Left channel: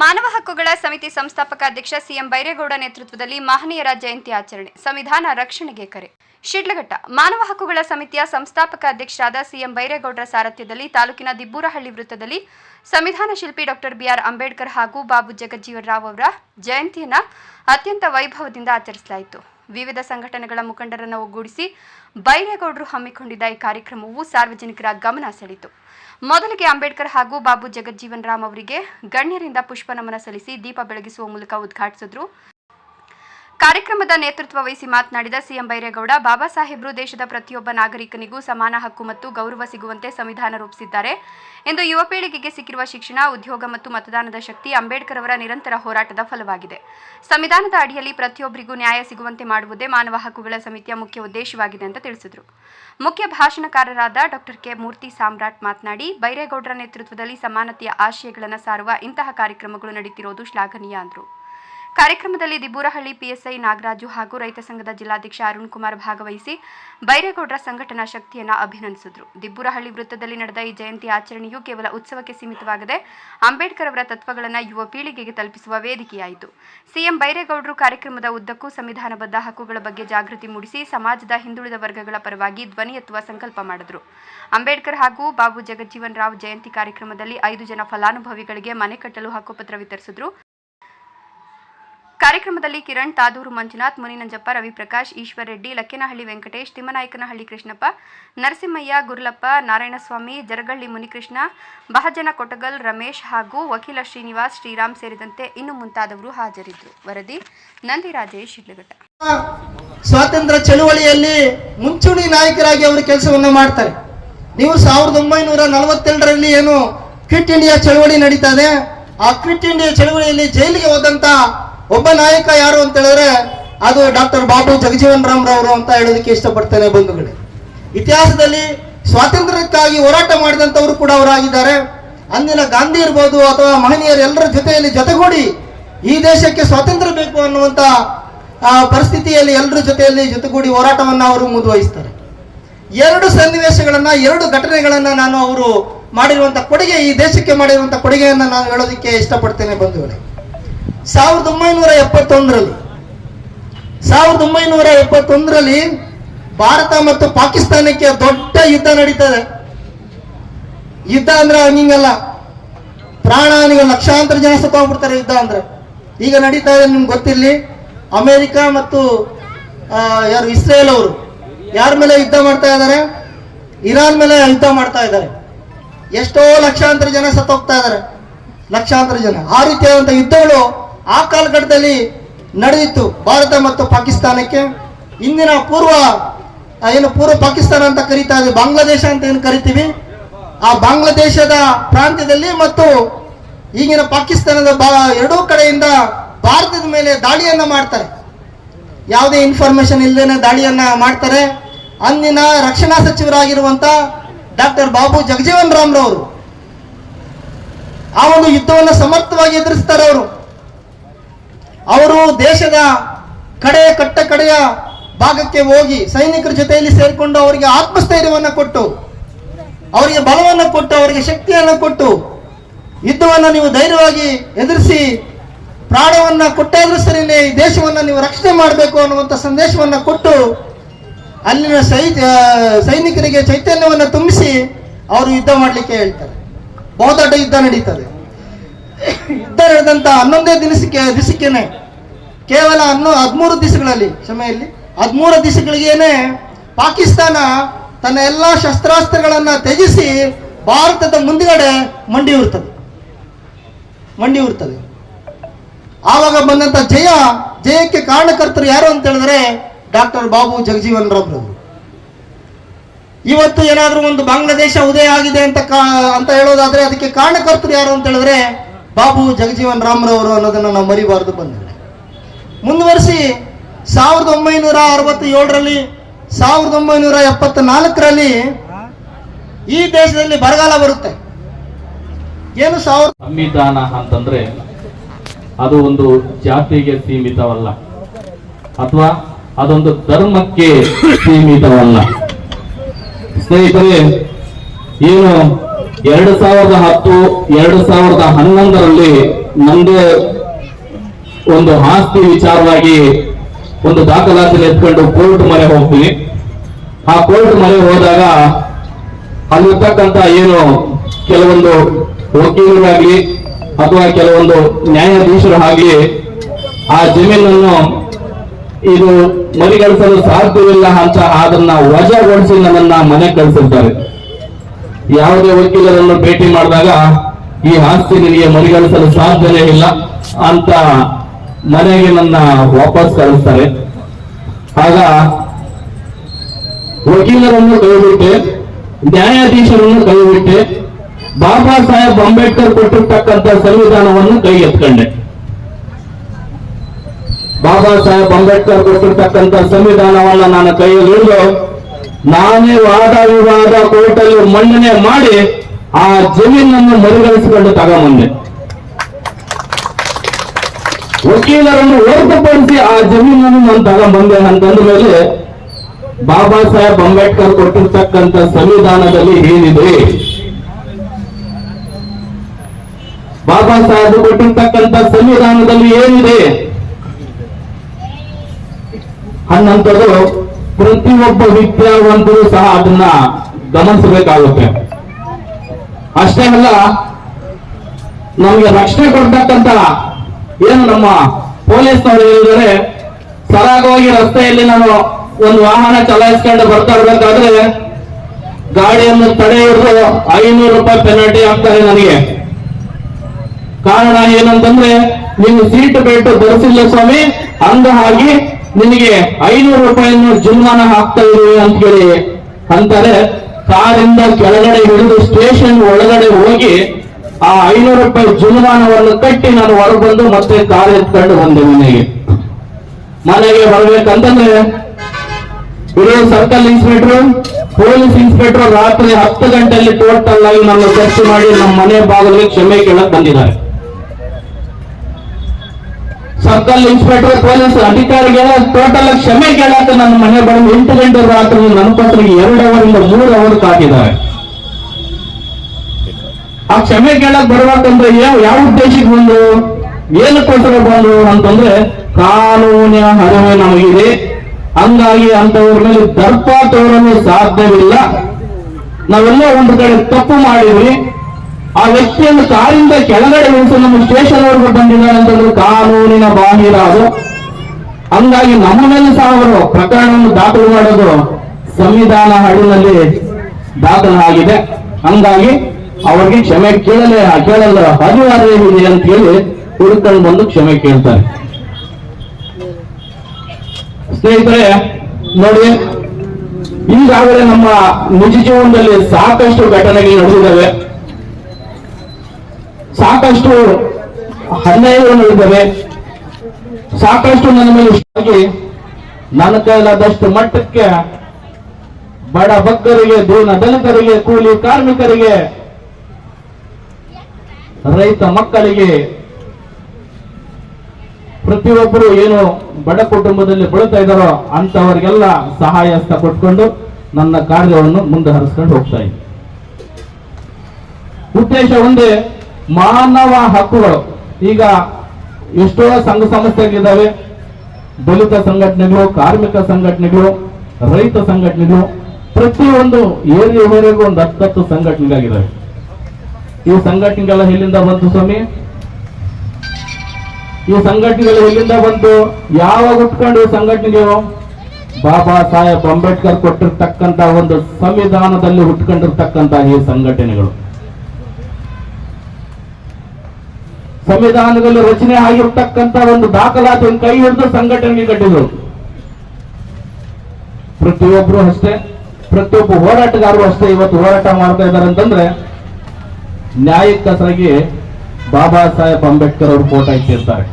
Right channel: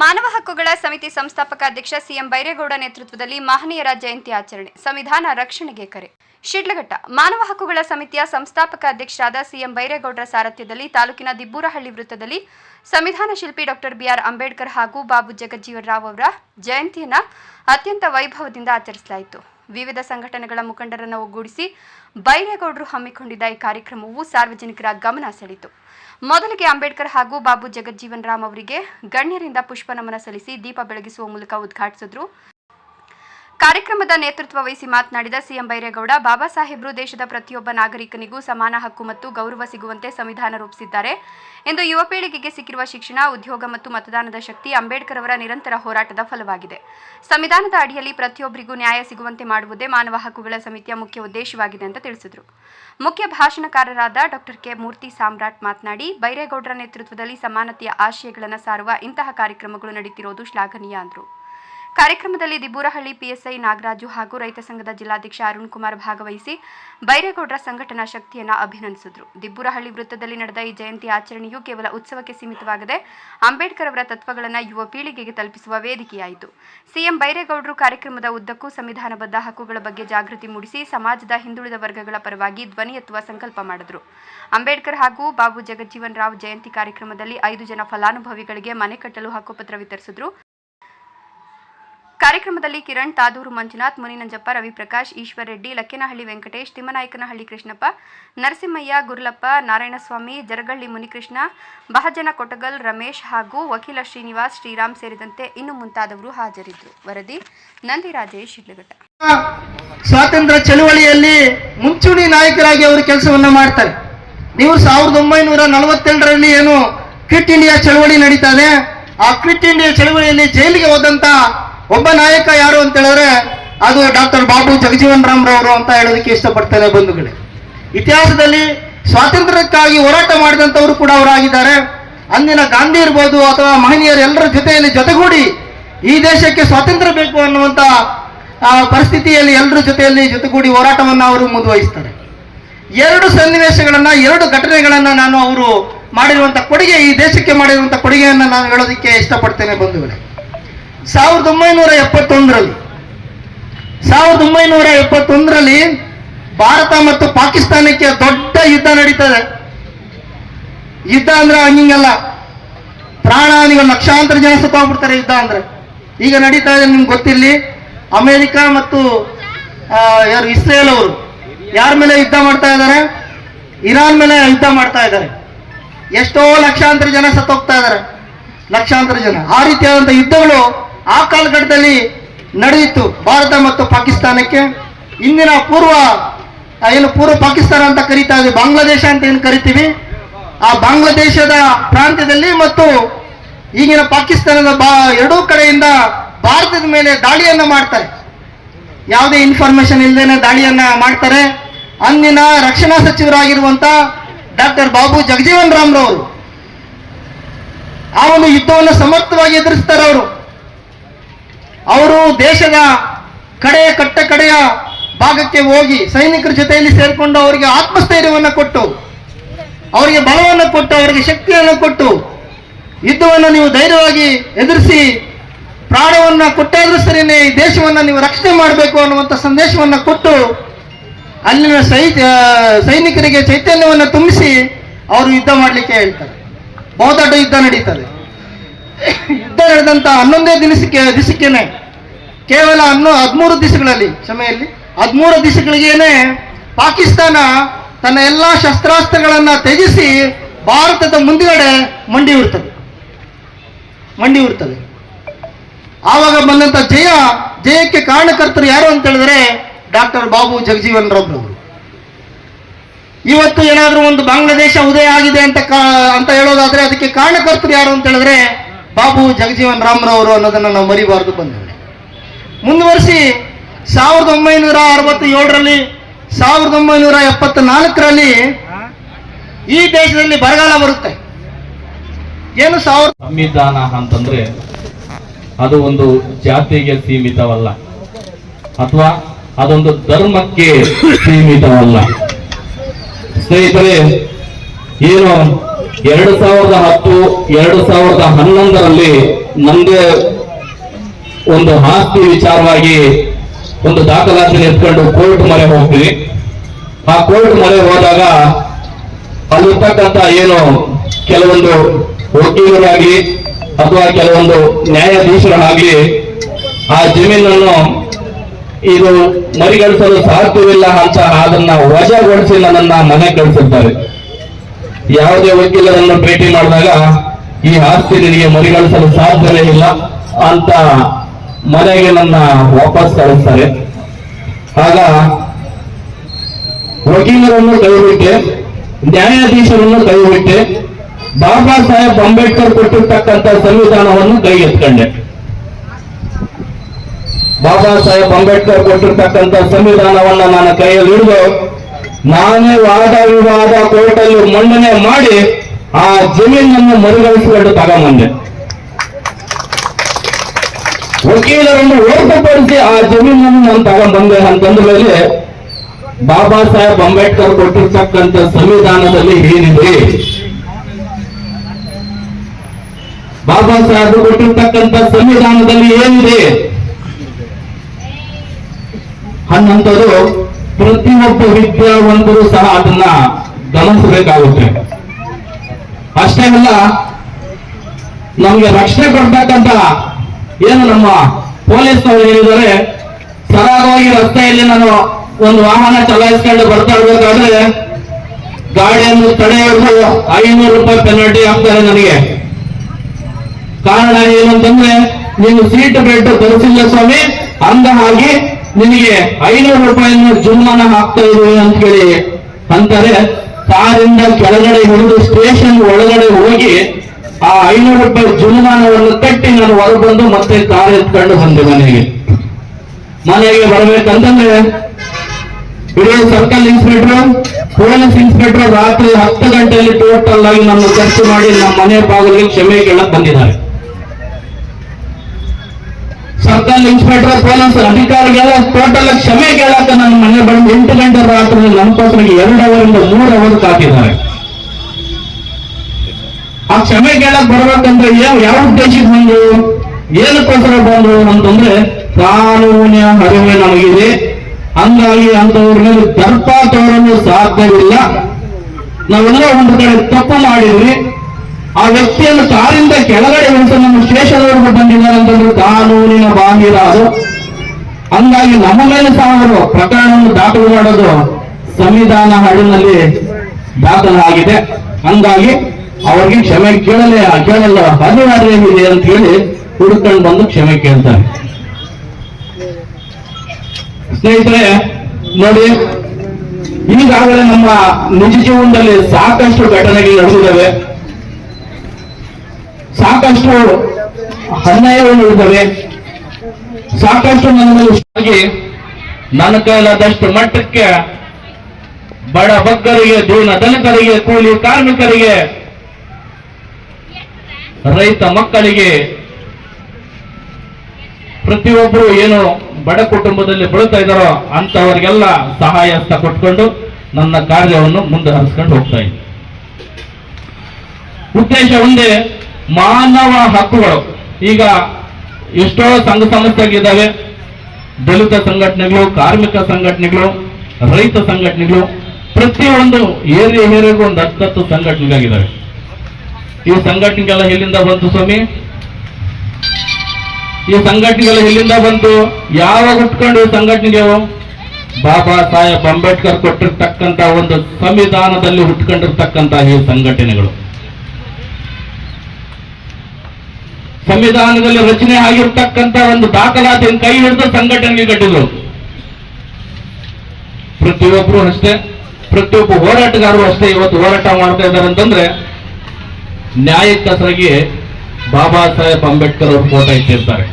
ಮಾನವ ಹಕ್ಕುಗಳ ಸಮಿತಿ ಸಂಸ್ಥಾಪಕ ಅಧ್ಯಕ್ಷ ಸಿಎಂ ಬೈರೇಗೌಡ ನೇತೃತ್ವದಲ್ಲಿ ಮಹನೀಯರ ಜಯಂತಿ ಆಚರಣೆ, ಸಂವಿಧಾನ ರಕ್ಷಣೆಗೆ ಕರೆ. ಶಿಡ್ಲಘಟ್ಟ ಮಾನವ ಹಕ್ಕುಗಳ ಸಮಿತಿಯ ಸಂಸ್ಥಾಪಕ ಅಧ್ಯಕ್ಷರಾದ ಸಿಎಂ ಬೈರೇಗೌಡರ ಸಾರಥ್ಯದಲ್ಲಿ ತಾಲೂಕಿನ ದಿಬ್ಬೂರಹಳ್ಳಿ ವೃತ್ತದಲ್ಲಿ ಸಂವಿಧಾನ ಶಿಲ್ಪಿ ಡಾಕ್ಟರ್ ಬಿಆರ್ ಅಂಬೇಡ್ಕರ್ ಹಾಗೂ ಬಾಬು ಜಗಜೀವನ್ ರಾವ್ ಅವರ ಜಯಂತಿಯನ್ನು ಅತ್ಯಂತ ವೈಭವದಿಂದ ಆಚರಿಸಲಾಯಿತು. ವಿವಿಧ ಸಂಘಟನೆಗಳ ಮುಖಂಡರನ್ನು ಒಗ್ಗೂಡಿಸಿ ಬೈರೇಗೌಡರು ಹಮ್ಮಿಕೊಂಡಿದ್ದ ಈ ಕಾರ್ಯಕ್ರಮವು ಸಾರ್ವಜನಿಕರ ಗಮನ ಸೆಳೆಯಿತು. ಮೊದಲಿಗೆ ಅಂಬೇಡ್ಕರ್ ಹಾಗೂ ಬಾಬು ಜಗಜೀವನ್ ರಾಮ್ ಅವರಿಗೆ ಗಣ್ಯರಿಂದ ಪುಷ್ಪ ನಮನ ಸಲ್ಲಿಸಿ ದೀಪ ಬೆಳಗಿಸುವ ಮೂಲಕ ಉದ್ಘಾಟಿಸಿದರು. ಕಾರ್ಯಕ್ರಮದ ನೇತೃತ್ವ ವಹಿಸಿ ಮಾತನಾಡಿದ ಸಿಎಂ ಬೈರೇಗೌಡ, ಬಾಬಾ ಸಾಹೇಬರು ದೇಶದ ಪ್ರತಿಯೊಬ್ಬ ನಾಗರಿಕನಿಗೂ ಸಮಾನ ಹಕ್ಕು ಮತ್ತು ಗೌರವ ಸಿಗುವಂತೆ ಸಂವಿಧಾನ ರೂಪಿಸಿದ್ದಾರೆ ಎಂದು ಯುವ ಪೀಳಿಗೆಗೆ ಸಿಕ್ಕಿರುವ ಶಿಕ್ಷಣ, ಉದ್ಯೋಗ ಮತ್ತು ಮತದಾನದ ಶಕ್ತಿ ಅಂಬೇಡ್ಕರ್ ಅವರ ನಿರಂತರ ಹೋರಾಟದ ಫಲವಾಗಿದೆ. ಸಂವಿಧಾನದ ಅಡಿಯಲ್ಲಿ ಪ್ರತಿಯೊಬ್ಬರಿಗೂ ನ್ಯಾಯ ಸಿಗುವಂತೆ ಮಾಡುವುದೇ ಮಾನವ ಹಕ್ಕುಗಳ ಸಮಿತಿಯ ಮುಖ್ಯ ಉದ್ದೇಶವಾಗಿದೆ ಅಂತ ತಿಳಿಸಿದರು. ಮುಖ್ಯ ಭಾಷಣಕಾರರಾದ ಡಾಕ್ಟರ್ ಕೆ ಮೂರ್ತಿ ಸಾಮ್ರಾಟ್ ಮಾತನಾಡಿ, ಬೈರೇಗೌಡರ ನೇತೃತ್ವದಲ್ಲಿ ಸಮಾನತೆಯ ಆಶಯಗಳನ್ನು ಸಾರುವ ಇಂತಹ ಕಾರ್ಯಕ್ರಮಗಳು ನಡೆಯುತ್ತಿರುವುದು ಶ್ಲಾಘನೀಯ ಅಂದರು. ಕಾರ್ಯಕ್ರಮದಲ್ಲಿ ದಿಬ್ಬೂರಹಳ್ಳಿ ಪಿಎಸ್ಐ ನಾಗರಾಜು ಹಾಗೂ ರೈತ ಸಂಘದ ಜಿಲ್ಲಾಧ್ಯಕ್ಷ ಅರುಣ್ ಕುಮಾರ್ ಭಾಗವಹಿಸಿ ಬೈರೇಗೌಡರ ಸಂಘಟನಾ ಶಕ್ತಿಯನ್ನು ಅಭಿನಂದಿಸಿದರು. ದಿಬ್ಬೂರಹಳ್ಳಿ ವೃತ್ತದಲ್ಲಿ ನಡೆದ ಈ ಜಯಂತಿ ಆಚರಣೆಯು ಕೇವಲ ಉತ್ಸವಕ್ಕೆ ಸೀಮಿತವಾಗದೆ ಅಂಬೇಡ್ಕರ್ ಅವರ ತತ್ವಗಳನ್ನು ಯುವ ಪೀಳಿಗೆಗೆ ತಲುಪಿಸುವ ವೇದಿಕೆಯಾಯಿತು. ಸಿಎಂ ಬೈರೇಗೌಡರು ಕಾರ್ಯಕ್ರಮದ ಉದ್ದಕ್ಕೂ ಸಂವಿಧಾನಬದ್ಧ ಹಕ್ಕುಗಳ ಬಗ್ಗೆ ಜಾಗೃತಿ ಮೂಡಿಸಿ ಸಮಾಜದ ಹಿಂದುಳಿದ ವರ್ಗಗಳ ಪರವಾಗಿ ಧ್ವನಿ ಎತ್ತುವ ಸಂಕಲ್ಪ ಮಾಡಿದರು. ಅಂಬೇಡ್ಕರ್ ಹಾಗೂ ಬಾಬು ಜಗಜೀವನ್ ರಾವ್ ಜಯಂತಿ ಕಾರ್ಯಕ್ರಮದಲ್ಲಿ 5 ಜನ ಫಲಾನುಭವಿಗಳಿಗೆ ಮನೆ ಕಟ್ಟಲು ಹಕ್ಕುಪತ್ರ ವಿತರಿಸಿದರು. ಕಾರ್ಯಕ್ರಮದಲ್ಲಿ ಕಿರಣ್, ತಾದೂರು ಮಂಜುನಾಥ್, ಮುನಿನಂಜಪ್ಪ, ರವಿಪ್ರಕಾಶ್, ಈಶ್ವರ್ ರೆಡ್ಡಿ, ಲಕ್ಕೇನಹಳ್ಳಿ ವೆಂಕಟೇಶ್, ತಿಮ್ಮನಾಯಕನಹಳ್ಳಿ ಕೃಷ್ಣಪ್ಪ, ನರಸಿಂಹಯ್ಯ, ಗುರುಲಪ್ಪ, ನಾರಾಯಣಸ್ವಾಮಿ, ಜರಗಳ್ಳಿ ಮುನಿಕೃಷ್ಣ, ಬಹಜನ ಕೊಟಗಲ್, ರಮೇಶ್ ಹಾಗೂ ವಕೀಲ ಶ್ರೀನಿವಾಸ್, ಶ್ರೀರಾಮ್ ಸೇರಿದಂತೆ ಇನ್ನು ಮುಂತಾದವರು ಹಾಜರಿದ್ದರು. ವರದಿ ನಂದಿರಾಜೇಶ್, ಶಿಡ್ಲಘಟ್ಟ. ಸ್ವಾತಂತ್ರ್ಯ ಚಳುವಳಿಯಲ್ಲಿ ಮುಂಚೂಣಿ ನಾಯಕರಾಗಿ ಅವರು ಕೆಲಸವನ್ನ ಮಾಡ್ತಾರೆ. ನೀವು 1942ರಲ್ಲಿ ಏನು ಕ್ವಿಟ್ ಇಂಡಿಯಾ ಚಳವಳಿ ನಡೀತಾ ಇದೆ, ಆ ಕ್ವಿಟ್ ಇಂಡಿಯಾ ಚಳವಳಿಯಲ್ಲಿ ಜೈಲಿಗೆ ಹೋದಂತ ಒಬ್ಬ ನಾಯಕ ಯಾರು ಅಂತ ಹೇಳಿದ್ರೆ ಅದು ಡಾಕ್ಟರ್ ಬಾಬು ಜಗಜೀವನ್ ರಾಮ್ ರವರು ಅಂತ ಹೇಳೋದಕ್ಕೆ ಇಷ್ಟಪಡ್ತೇನೆ. ಬಂಧುಗಳೇ, ಇತಿಹಾಸದಲ್ಲಿ ಸ್ವಾತಂತ್ರ್ಯಕ್ಕಾಗಿ ಹೋರಾಟ ಮಾಡಿದಂಥವರು ಕೂಡ ಅವರಾಗಿದ್ದಾರೆ. ಅಂದಿನ ಗಾಂಧಿ ಇರ್ಬೋದು ಅಥವಾ ಮಹನೀಯರು ಎಲ್ಲರ ಜೊತೆಯಲ್ಲಿ ಜೊತೆಗೂಡಿ ಈ ದೇಶಕ್ಕೆ ಸ್ವಾತಂತ್ರ್ಯ ಬೇಕು ಅನ್ನುವಂಥ ಪರಿಸ್ಥಿತಿಯಲ್ಲಿ ಎಲ್ಲರ ಜೊತೆಯಲ್ಲಿ ಜೊತೆಗೂಡಿ ಹೋರಾಟವನ್ನು ಅವರು ಮುಂದುವರಿಸ್ತಾರೆ. 2 ಸನ್ನಿವೇಶಗಳನ್ನ 2 ಘಟನೆಗಳನ್ನ ನಾನು ಅವರು ಮಾಡಿರುವಂಥ ಕೊಡುಗೆ, ಈ ದೇಶಕ್ಕೆ ಮಾಡಿರುವಂಥ ಕೊಡುಗೆಯನ್ನು ನಾನು ಹೇಳೋದಕ್ಕೆ ಇಷ್ಟಪಡ್ತೇನೆ. ಬಂಧುಗಳೇ, 1971ರಲ್ಲಿ ಭಾರತ ಮತ್ತು ಪಾಕಿಸ್ತಾನಕ್ಕೆ ದೊಡ್ಡ ಯುದ್ಧ ನಡೀತದೆ. ಯುದ್ಧ ಅಂದ್ರೆ ಹಂಗಿಂಗಲ್ಲ, ಪ್ರಾಣಾನಿಗಳು ಲಕ್ಷಾಂತರ ಜನ ಸತ್ತೋಗ್ಬಿಡ್ತಾರೆ ಯುದ್ಧ ಅಂದ್ರೆ. ಈಗ ನಡೀತಾ ಇದೆ, ನಿಮ್ಗೆ ಗೊತ್ತಿರಲಿ, ಅಮೆರಿಕ ಮತ್ತು ಯಾರು ಇಸ್ರೇಲ್ ಅವರು ಯಾರ ಮೇಲೆ ಯುದ್ಧ ಮಾಡ್ತಾ ಇದ್ದಾರೆ? ಇರಾನ್ ಮೇಲೆ ಯುದ್ಧ ಮಾಡ್ತಾ ಇದ್ದಾರೆ. ಎಷ್ಟೋ ಲಕ್ಷಾಂತರ ಜನ ಸತ್ತೋಗ್ತಾ ಇದ್ದಾರೆ, ಲಕ್ಷಾಂತರ ಜನ. ಆ ರೀತಿಯಾದಂಥ ಯುದ್ಧಗಳು ಆ ಕಾಲಘಟ್ಟದಲ್ಲಿ ನಡೆಯಿತು ಭಾರತ ಮತ್ತು ಪಾಕಿಸ್ತಾನಕ್ಕೆ. ಇಂದಿನ ಪೂರ್ವ ಪಾಕಿಸ್ತಾನ ಅಂತ ಕರೀತಾ ಇದ್ದೀವಿ, ಬಾಂಗ್ಲಾದೇಶ ಅಂತ ಏನು ಕರಿತೀವಿ, ಆ ಬಾಂಗ್ಲಾದೇಶದ ಪ್ರಾಂತ್ಯದಲ್ಲಿ ಮತ್ತು ಈಗಿನ ಪಾಕಿಸ್ತಾನದ ಎರಡೂ ಕಡೆಯಿಂದ ಭಾರತದ ಮೇಲೆ ದಾಳಿಯನ್ನ ಮಾಡ್ತಾರೆ. ಯಾವುದೇ ಇನ್ಫಾರ್ಮೇಶನ್ ಇಲ್ಲದೇನೆ ದಾಳಿಯನ್ನ ಮಾಡ್ತಾರೆ. ಅಂದಿನ ರಕ್ಷಣಾ ಸಚಿವರಾಗಿರುವಂತ ಡಾಕ್ಟರ್ ಬಾಬು ಜಗಜೀವನ್ ರಾಮ್ ರವರು ಆ ಒಂದು ಯುದ್ಧವನ್ನು ಸಮರ್ಥವಾಗಿ ಎದುರಿಸ್ತಾರೆ. ಅವರು ದೇಶದ ಕಡೆಯ ಭಾಗಕ್ಕೆ ಹೋಗಿ ಸೈನಿಕರ ಜೊತೆಯಲ್ಲಿ ಸೇರಿಕೊಂಡು ಅವರಿಗೆ ಆತ್ಮಸ್ಥೈರ್ಯವನ್ನು ಕೊಟ್ಟು, ಅವರಿಗೆ ಬಲವನ್ನು ಕೊಟ್ಟು, ಅವರಿಗೆ ಶಕ್ತಿಯನ್ನು ಕೊಟ್ಟು, ಯುದ್ಧವನ್ನು ನೀವು ಧೈರ್ಯವಾಗಿ ಎದುರಿಸಿ ಪ್ರಾಣವನ್ನ ಕೊಟ್ಟಾದ್ರೂ ಸರಿನೇ ಈ ದೇಶವನ್ನು ನೀವು ರಕ್ಷಣೆ ಮಾಡಬೇಕು ಅನ್ನುವಂಥ ಸಂದೇಶವನ್ನು ಕೊಟ್ಟು ಅಲ್ಲಿನ ಸೈನಿಕರಿಗೆ ಚೈತನ್ಯವನ್ನು ತುಂಬಿಸಿ ಅವರು ಯುದ್ಧ ಮಾಡಲಿಕ್ಕೆ ಹೇಳ್ತಾರೆ. ಬಹುದೊಡ್ಡ ಯುದ್ಧ ನಡೀತದೆ. ಯುದ್ಧ ನಡೆದಂತ 11ನೇ ದಿವಸಕ್ಕೇನೆ ಕೇವಲ 13 ದಿವಸಗಳಲ್ಲಿ 13 ದಿವಸಗಳಿಗೇನೆ ಪಾಕಿಸ್ತಾನ ತನ್ನ ಎಲ್ಲಾ ಶಸ್ತ್ರಾಸ್ತ್ರಗಳನ್ನ ತ್ಯಜಿಸಿ ಭಾರತದ ಮುಂದುಗಡೆ ಮಂಡಿ ಉರ್ತದೆ. ಆವಾಗ ಬಂದಂತ ಜಯಕ್ಕೆ ಕಾರಣಕರ್ತರು ಯಾರು ಅಂತ ಹೇಳಿದ್ರೆ ಡಾಕ್ಟರ್ ಬಾಬು ಜಗಜೀವನ್ ರಾಮ್ ರವರು. ಇವತ್ತು ಏನಾದ್ರೂ ಒಂದು ಬಾಂಗ್ಲಾದೇಶ ಉದಯ ಆಗಿದೆ ಅಂತ ಹೇಳೋದಾದ್ರೆ ಅದಕ್ಕೆ ಕಾರಣಕರ್ತರು ಯಾರು ಅಂತ ಹೇಳಿದ್ರೆ ಬಾಬು ಜಗಜೀವನ್ ರಾಮ್ ರವರು ಅನ್ನೋದನ್ನ ನಾವು ಮರಿಬಾರದು. ಬಂದಿದೆ ಮುಂದುವರಿಸಿ 1967ರಲ್ಲಿ 1974ರಲ್ಲಿ ಈ ದೇಶದಲ್ಲಿ ಬರಗಾಲ ಬರುತ್ತೆ. ಏನು ಸಂವಿಧಾನ ಅಂತಂದ್ರೆ ಅದು ಒಂದು ಜಾತಿಗೆ ಸೀಮಿತವಲ್ಲ, ಅಥವಾ ಅದೊಂದು ಧರ್ಮಕ್ಕೆ ಸೀಮಿತವಲ್ಲ. ಸ್ನೇಹಿತರೆ, ಏನು 2010 2011ರಲ್ಲಿ ನಮ್ದೇ ಒಂದು ಆಸ್ತಿ ವಿಚಾರವಾಗಿ ಒಂದು ದಾಖಲಾತಿ ಎತ್ಕೊಂಡು ಕೋರ್ಟ್ ಮೊರೆ ಹೋಗ್ತೀವಿ. ಆ ಕೋರ್ಟ್ ಮೊರೆ ಹೋದಾಗ ಅಲ್ಲಿರ್ತಕ್ಕಂಥ ಏನು ಕೆಲವೊಂದು ವಕೀಲರಾಗಿ ಅಥವಾ ಕೆಲವೊಂದು ನ್ಯಾಯಾಧೀಶರಾಗಿ ಆ ಜಮೀನನ್ನು ಇದು ಮರಿಗಳಿಸಲು ಸಾಧ್ಯವಿಲ್ಲ ಅಂತ ಅದನ್ನ ವಜಾಗೊಳಿಸಿ ನನ್ನನ್ನ ಮನೆ ಕಳಿಸಿರ್ತಾರೆ. ಯಾವುದೇ ವಕೀಲರನ್ನು ಭೇಟಿ ಮಾಡಿದಾಗ ಈ ಆಸ್ತಿ ನಿನಗೆ ಮರಿಗಳಿಸಲು ಸಾಧ್ಯವೇ ಇಲ್ಲ ಅಂತ ಮನೆಗೆ ನನ್ನ ವಾಪಸ್ ಕಳಿಸ್ತಾರೆ. ಆಗ ವಕೀಲರನ್ನು ಕೈಬಿಟ್ಟೆ, ನ್ಯಾಯಾಧೀಶರನ್ನು ಕೈಬಿಟ್ಟೆ, ಬಾಬಾ ಸಾಹೇಬ್ ಅಂಬೇಡ್ಕರ್ ಕೊಟ್ಟಿರ್ತಕ್ಕಂಥ ಸಂವಿಧಾನವನ್ನು ಕೈಗೆತ್ಕೊಂಡೆ. ಬಾಬಾ ಸಾಹೇಬ್ ಅಂಬೇಡ್ಕರ್ ಕೊಟ್ಟಿರ್ತಕ್ಕಂಥ ಸಂವಿಧಾನವನ್ನ ನಾನು ಕೈಯಲ್ಲಿ ಹಿಡಿದು ನಾನೇ ವಾದ ವಿವಾದ ಕೋರ್ಟಲ್ಲಿ ಮಂಡನೆ ಮಾಡಿ ಆ ಜಮೀನನ್ನು ಮರುಗಳಿಸಿಕೊಂಡು ತಗೊಂಬಂದೆ. ವಕೀಲರನ್ನು ಹೊರತುಪಡಿಸಿ ಆ ಜಮೀನನ್ನು ನಾನು ತಗೊಂಡ್ಬಂದೆ ಅಂತಂದ ಮೇಲೆ ಬಾಬಾ ಸಾಹೇಬ್ ಅಂಬೇಡ್ಕರ್ ಕೊಟ್ಟಿರ್ತಕ್ಕಂಥ ಸಂವಿಧಾನದಲ್ಲಿ ಏನಿದೆ, ಬಾಬಾ ಸಾಹೇಬ್ ಕೊಟ್ಟಿರ್ತಕ್ಕಂಥ ಸಂವಿಧಾನದಲ್ಲಿ ಏನಿದೆ ಅನ್ನಂಥದ್ದು ಪ್ರತಿಯೊಬ್ಬ ವಿದ್ಯಾವಂತರು ಸಹ ಅದನ್ನ ಗಮನಿಸಬೇಕಾಗುತ್ತೆ. ಅಷ್ಟೇ ಅಲ್ಲ, ನಮಗೆ ರಕ್ಷಣೆ ಕೊಡ್ತಕ್ಕಂಥ ಏನು ನಮ್ಮ ಪೊಲೀಸ್ನವರು ಹೇಳಿದರೆ, ಸರಾಗವಾಗಿ ರಸ್ತೆಯಲ್ಲಿ ನಾನು ಒಂದು ವಾಹನ ಚಲಾಯಿಸ್ಕೊಂಡು ಬರ್ತಾ ಇರ್ಬೇಕಾದ್ರೆ ಗಾಡಿಯನ್ನು ತಡೆ ಹಿಡಿದು 500 ರೂಪಾಯಿ ಪೆನಾಲ್ಟಿ ಹಾಕ್ತಾರೆ ನನಗೆ. ಕಾರಣ ಏನಂತಂದ್ರೆ, ನೀನು ಸೀಟ್ ಬೆಲ್ಟ್ ಧರಿಸಿಲ್ಲ ಸ್ವಾಮಿ, ಅಂದಹಾಗಿ ನಿನಗೆ 500 ರೂಪಾಯಿಯನ್ನು ಜುಲ್ಮಾನ ಹಾಕ್ತಾ ಇದೀವಿ ಅಂತ ಹೇಳಿ ಅಂತಾರೆ. ಕಾರಿಂದ ಕೆಳಗಡೆ ಹಿಡಿದು ಸ್ಟೇಷನ್ ಒಳಗಡೆ ಹೋಗಿ ಆ 500 ರೂಪಾಯಿ ಜುಲ್ಮಾನವನ್ನು ಕಟ್ಟಿ ನಾನು ಹೊರಬಂದು ಮತ್ತೆ ಕಾರ್ ಎತ್ಕೊಂಡು ಬಂದೆ ಮನೆಗೆ ಬರ್ಬೇಕಂತಂದ್ರೆ ಇಡೀ ಸರ್ಕಲ್ ಇನ್ಸ್ಪೆಕ್ಟರ್, ಪೊಲೀಸ್ ಇನ್ಸ್ಪೆಕ್ಟರ್ ರಾತ್ರಿ 10 ಗಂಟೆಯಲ್ಲಿ ಟೋಟಲ್ ಆಗಿ ನನ್ನ ಖರ್ಚು ಮಾಡಿ ನಮ್ಮ ಮನೆ ಬಾಗಿಲಿಗೆ ಕ್ಷಮೆ ಕೇಳಕ್ ಬಂದಿದ್ದಾರೆ. ಸರ್ಕಲ್ ಇನ್ಸ್ಪೆಕ್ಟರ್, ಪೊಲೀಸ್ ಅಧಿಕಾರಿಗಳ ಟೋಟಲ್ ಕ್ಷಮೆ ಕೇಳಕ್ಕೆ ನನ್ನ ಮನೆ ಬಂದು 8 ಗಂಟೆ ರಾತ್ರಿ ನನ್ನ ಪತ್ರಕ್ಕೆ 2 ಅವರಿಂದ 3 ಅವರ್ ಕಾತಿದ್ದಾರೆ. ಆ ಕ್ಷಮೆ ಕೇಳಕ್ ಬರ್ಬೇಕಂದ್ರೆ ಯಾವ ಉದ್ದೇಶಕ್ಕೆ ಬಂದು, ಏನಕ್ಕೋಸ್ಕರ ಬಂದು ಅಂತಂದ್ರೆ ಕಾನೂನಿನ ಅರಿವೆ ನಮಗಿದೆ, ಹಂಗಾಗಿ ಅಂತವ್ರ ಮೇಲೆ ದರ್ಪ ತೋರಲು ಸಾಧ್ಯವಿಲ್ಲ. ನಾವೆಲ್ಲ ಒಂದು ಕಡೆ ತಪ್ಪು ಮಾಡಿದ್ವಿ, ಆ ವ್ಯಕ್ತಿಯನ್ನು ಕಾರಿಂದ ಕೆಳಗಡೆ ಇಳಿಸಿ ನಮ್ಮ ಸ್ಟೇಷನ್ ವರೆಗೂ ಬಂದಿದ್ದಾರೆ ಅಂತಂದ್ರೆ ಕಾನೂನಿನ ಬಾಹಿರ ಅದು. ಹಂಗಾಗಿ ನಮ್ಮ ಮೇಲೆ ಸಹ ಅವರು ಪ್ರಕರಣವನ್ನು ದಾಖಲು ಮಾಡೋದು ಸಂವಿಧಾನ ಅಡಿನಲ್ಲಿ ದಾಖಲಾಗಿದೆ. ಹಂಗಾಗಿ ಅವರಿಗೆ ಕ್ಷಮೆ ಕೇಳಲು ಅನಿವಾರ್ಯವಿದೆ ಅಂತ ಹೇಳಿ ಹುಡುಕೊಂಡು ಬಂದು ಕ್ಷಮೆ ಕೇಳ್ತಾರೆ. ಸ್ನೇಹಿತರೆ ನೋಡಿ, ಈಗಾಗಲೇ ನಮ್ಮ ನಿಜ ಜೀವನದಲ್ಲಿ ಸಾಕಷ್ಟು ಘಟನೆಗಳು ನಡೆದಿದ್ದಾವೆ, ಸಾಕಷ್ಟು ಅನ್ಯಾಯಗಳು ನಡೆದಿವೆ, ಸಾಕಷ್ಟು ನನ್ನ ಮೇಲೆ ನನ್ನ ಕೈಲಾದಷ್ಟು ಮಟ್ಟಕ್ಕೆ ಬಡ ಬಗ್ಗರಿಗೆ, ದೀನ ದಲಿತರಿಗೆ, ಕೂಲಿ ಕಾರ್ಮಿಕರಿಗೆ, ರೈತ ಮಕ್ಕಳಿಗೆ, ಪ್ರತಿಯೊಬ್ಬರು ಏನು ಬಡ ಕುಟುಂಬದಲ್ಲಿ ಬೆಳೀತಾ ಇದ್ದಾರೋ ಅಂತವರಿಗೆಲ್ಲ ಸಹಾಯ ಹಸ್ತ ಕೊಟ್ಕೊಂಡು ನನ್ನ ಕಾರ್ಯವನ್ನು ಮುಂದೆ ಹರಿಸ್ಕೊಂಡು ಹೋಗ್ತಾ ಇದ್ದೆ. ಉದ್ದೇಶ ಒಂದೇ, ಮಾನವ ಹಕ್ಕುಗಳು. ಈಗ ಎಷ್ಟೋ ಸಂಘ ಸಂಸ್ಥೆಗಳಿದ್ದಾವೆ, ದಲಿತ ಸಂಘಟನೆಗಳು, ಕಾರ್ಮಿಕ ಸಂಘಟನೆಗಳು, ರೈತ ಸಂಘಟನೆಗಳು, ಪ್ರತಿಯೊಂದು ಏರಿಯಾಗೂ ಒಂದು 10 ಸಂಘಟನೆಗಳಿದ್ದಾವೆ. ಈ ಸಂಘಟನೆಗೆಲ್ಲ ಎಲ್ಲಿಂದ ಬಂತು ಸ್ವಾಮಿ? ಈ ಸಂಘಟನೆಗಳು ಎಲ್ಲಿಂದ ಬಂತು? ಯಾವಾಗ ಹುಟ್ಕೊಂಡು ಈ ಸಂಘಟನೆಗೆ? ಬಾಬಾ ಸಾಹೇಬ್ ಅಂಬೇಡ್ಕರ್ ಕೊಟ್ಟಿರ್ತಕ್ಕಂಥ ಒಂದು ಸಂವಿಧಾನದಲ್ಲಿ ಹುಟ್ಕೊಂಡಿರ್ತಕ್ಕಂಥ ಈ ಸಂಘಟನೆಗಳು. ಸಂವಿಧಾನದಲ್ಲಿ ರಚನೆ ಆಗಿರ್ತಕ್ಕಂಥ ಒಂದು ದಾಖಲಾತಿಯನ್ನು ಕೈ ಹಿಡಿದು ಸಂಘಟನೆಗೆ ಕಟ್ಟಿದ್ರು. ಪ್ರತಿಯೊಬ್ಬರು ಅಷ್ಟೇ, ಪ್ರತಿಯೊಬ್ಬ ಹೋರಾಟಗಾರರು ಅಷ್ಟೇ ಇವತ್ತು ಹೋರಾಟ ಮಾಡ್ತಾ ಇದ್ದಾರೆ ಅಂತಂದ್ರೆ ನ್ಯಾಯಕ್ಕಾಗಿ ಬಾಬಾ ಸಾಹೇಬ್ ಅಂಬೇಡ್ಕರ್ ಅವರು ಫೋಟೋ ಇಟ್ಟಿರ್ತಾರೆ.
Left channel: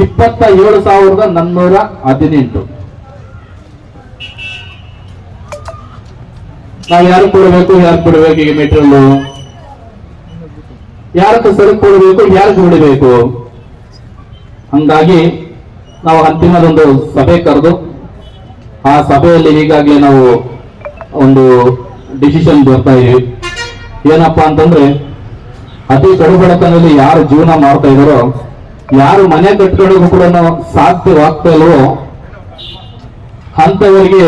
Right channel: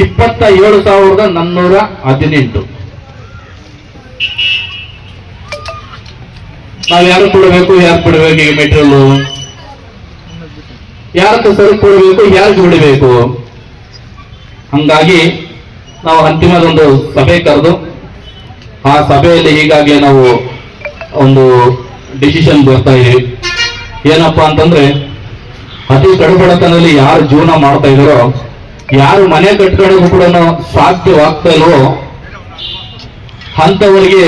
27,418 ನಾವು ಯಾರು ಕೊಡಬೇಕು, ಯಾರು ಬಿಡಬೇಕು? ಈಗ ಮೆಟೀರಿಯಲ್ ಯಾರಕ್ಕೆ ಸರಕು ಕೊಡಬೇಕು, ಯಾರಿಗೆ ಬಿಡಬೇಕು? ಹಂಗಾಗಿ ನಾವು ಅಂತಿಮದೊಂದು ಸಭೆ ಕರೆದು ಆ ಸಭೆಯಲ್ಲಿ ಈಗಾಗಲೇ ನಾವು ಒಂದು ಡಿಸಿಷನ್ ಬರ್ತಾ ಇದೀವಿ. ಏನಪ್ಪಾ ಅಂತಂದ್ರೆ ಅತಿ ಕಡುಬಡತನದಲ್ಲಿ ಯಾರು ಜೀವನ ಮಾಡ್ತಾ ಇದಾರೋ, ಯಾರು ಮನೆ ಕಟ್ಕೊಳ್ಳೋದು ಕೂಡ ಸಾಧ್ಯವಾಗ್ತಾ ಇಲ್ವೋ ಅಂತವರಿಗೆ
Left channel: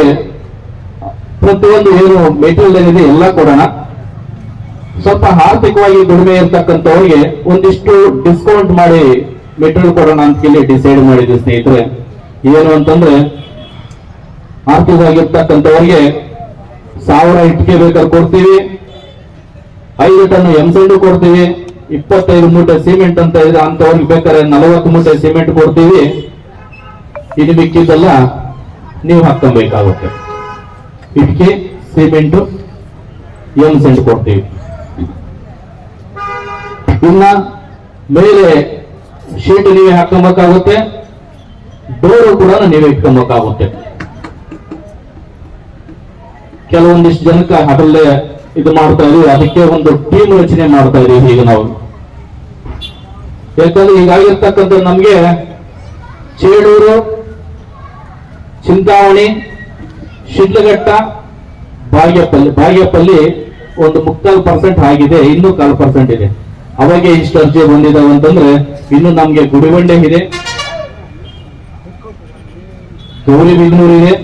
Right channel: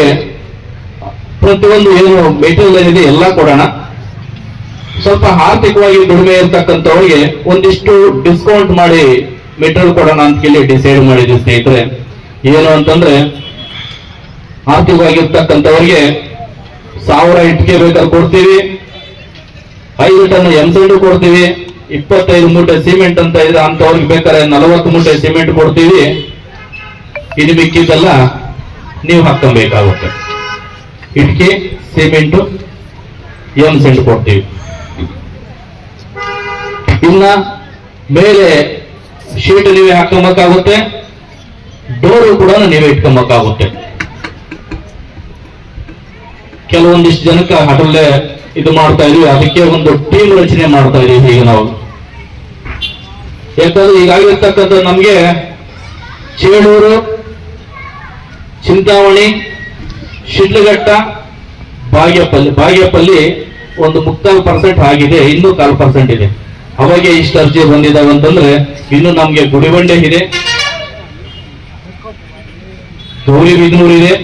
ಪ್ರತಿಯೊಂದು ಏನು ಮೆಟೀರಿಯಲ್ ಇದೆ ಎಲ್ಲ ಕೊಡೋಣ. ಸ್ವಲ್ಪ ಆರ್ಥಿಕವಾಗಿ ದುಡಿಮೆ ಇರ್ತಕ್ಕಂಥವ್ರಿಗೆ ಒಂದಿಷ್ಟು ಡಿಸ್ಕೌಂಟ್ ಮಾಡಿ ಮೆಟೀರಿಯಲ್ ಕೊಡೋಣ ಅಂತ ಕೇಳಿ ಡಿಸೈಡ್ ಮಾಡಿದ್ವಿ ಸ್ನೇಹಿತರೆ. ಏನು ಅಂತಂದ್ರೆ ಆರ್ಥಿಕವಾಗಿರ್ತಕ್ಕಂಥವ್ರಿಗೆ 1000 ಇಟ್ಟಿಗೆ ಬೇಕಾದ್ರೆ ಕೊಡ್ತೀವಿ, 5 ಟನ್ ಎಂಸೆಂಡು ಕೊಡ್ತೀವಿ, 25 ಮೂಟೆ ಸಿಮೆಂಟ್ ಅಂತ ಇದೆ ಅಂತವ್ರಿಗೆ ಬೇಕಾದ್ರೆ 40 ಮೂಟೆ ಸಿಮೆಂಟ್ ಕೊಡ್ತೀವಿ. ಇದು ಮಿಕ್ಕಿದ್ದೆಲ್ಲ ನೀವು ಹಾಕಬೇಕಾಗುತ್ತೆ. ಇಟ್ಕೆ ಸಿಮೆಂಟ್ ಎಂಸೆಂಟ್ ಕೊಡ್ತೀವಿ. ಇನ್ನ ಮೇಲೆ ಶೀಟ್ ನೀವೇ ಹಾಕೊಬೇಕಾಗುತ್ತೆ, ಡೋರು ಕೂಡ ನೀವೇ ಇಟ್ಕೊಬೇಕಾಗುತ್ತೆ. ಕೆಲವೊಂದಿಷ್ಟು ಜನಕ್ಕೆ ಅದರಲ್ಲೇ ಇದು ಮಾಡ್ತಾ ಇದೀವಿ, ಅದಕ್ಕೆ ಒಂದು ಟೀಮ್ ರಚನೆ ಮಾಡ್ತಾ ಇದೀವಿ ಈಗ ನಾವು. ಯಾಕಂದ್ರೆ ಈಗಾಗಿರ್ತಕ್ಕಂಥ ನಮ್ಗೆ ಚೇಳೂರು, ಚಿಂತಾಮಣಿ, ಶಿಡ್ಲಘಟ್ಟ, ಬಾಗೇಪಲ್ಲಿ ಒಂದು 3% ಆಗಿದೆ, ಇನ್ನೂ 1/4% ಇದೆ. ಅವಾಗೆ ಇಷ್ಟು ಅರ್ಜಿ ಬಂದಿದ್ದಾವೆ ಅಂತಂದ್ರೆ ಇನ್ನು ನಮ್ಗೆ ಗುಡಿಬಂಡೆ ಇದೆ, ಗೌರಿಬಿದನೂರು ಇದೆ,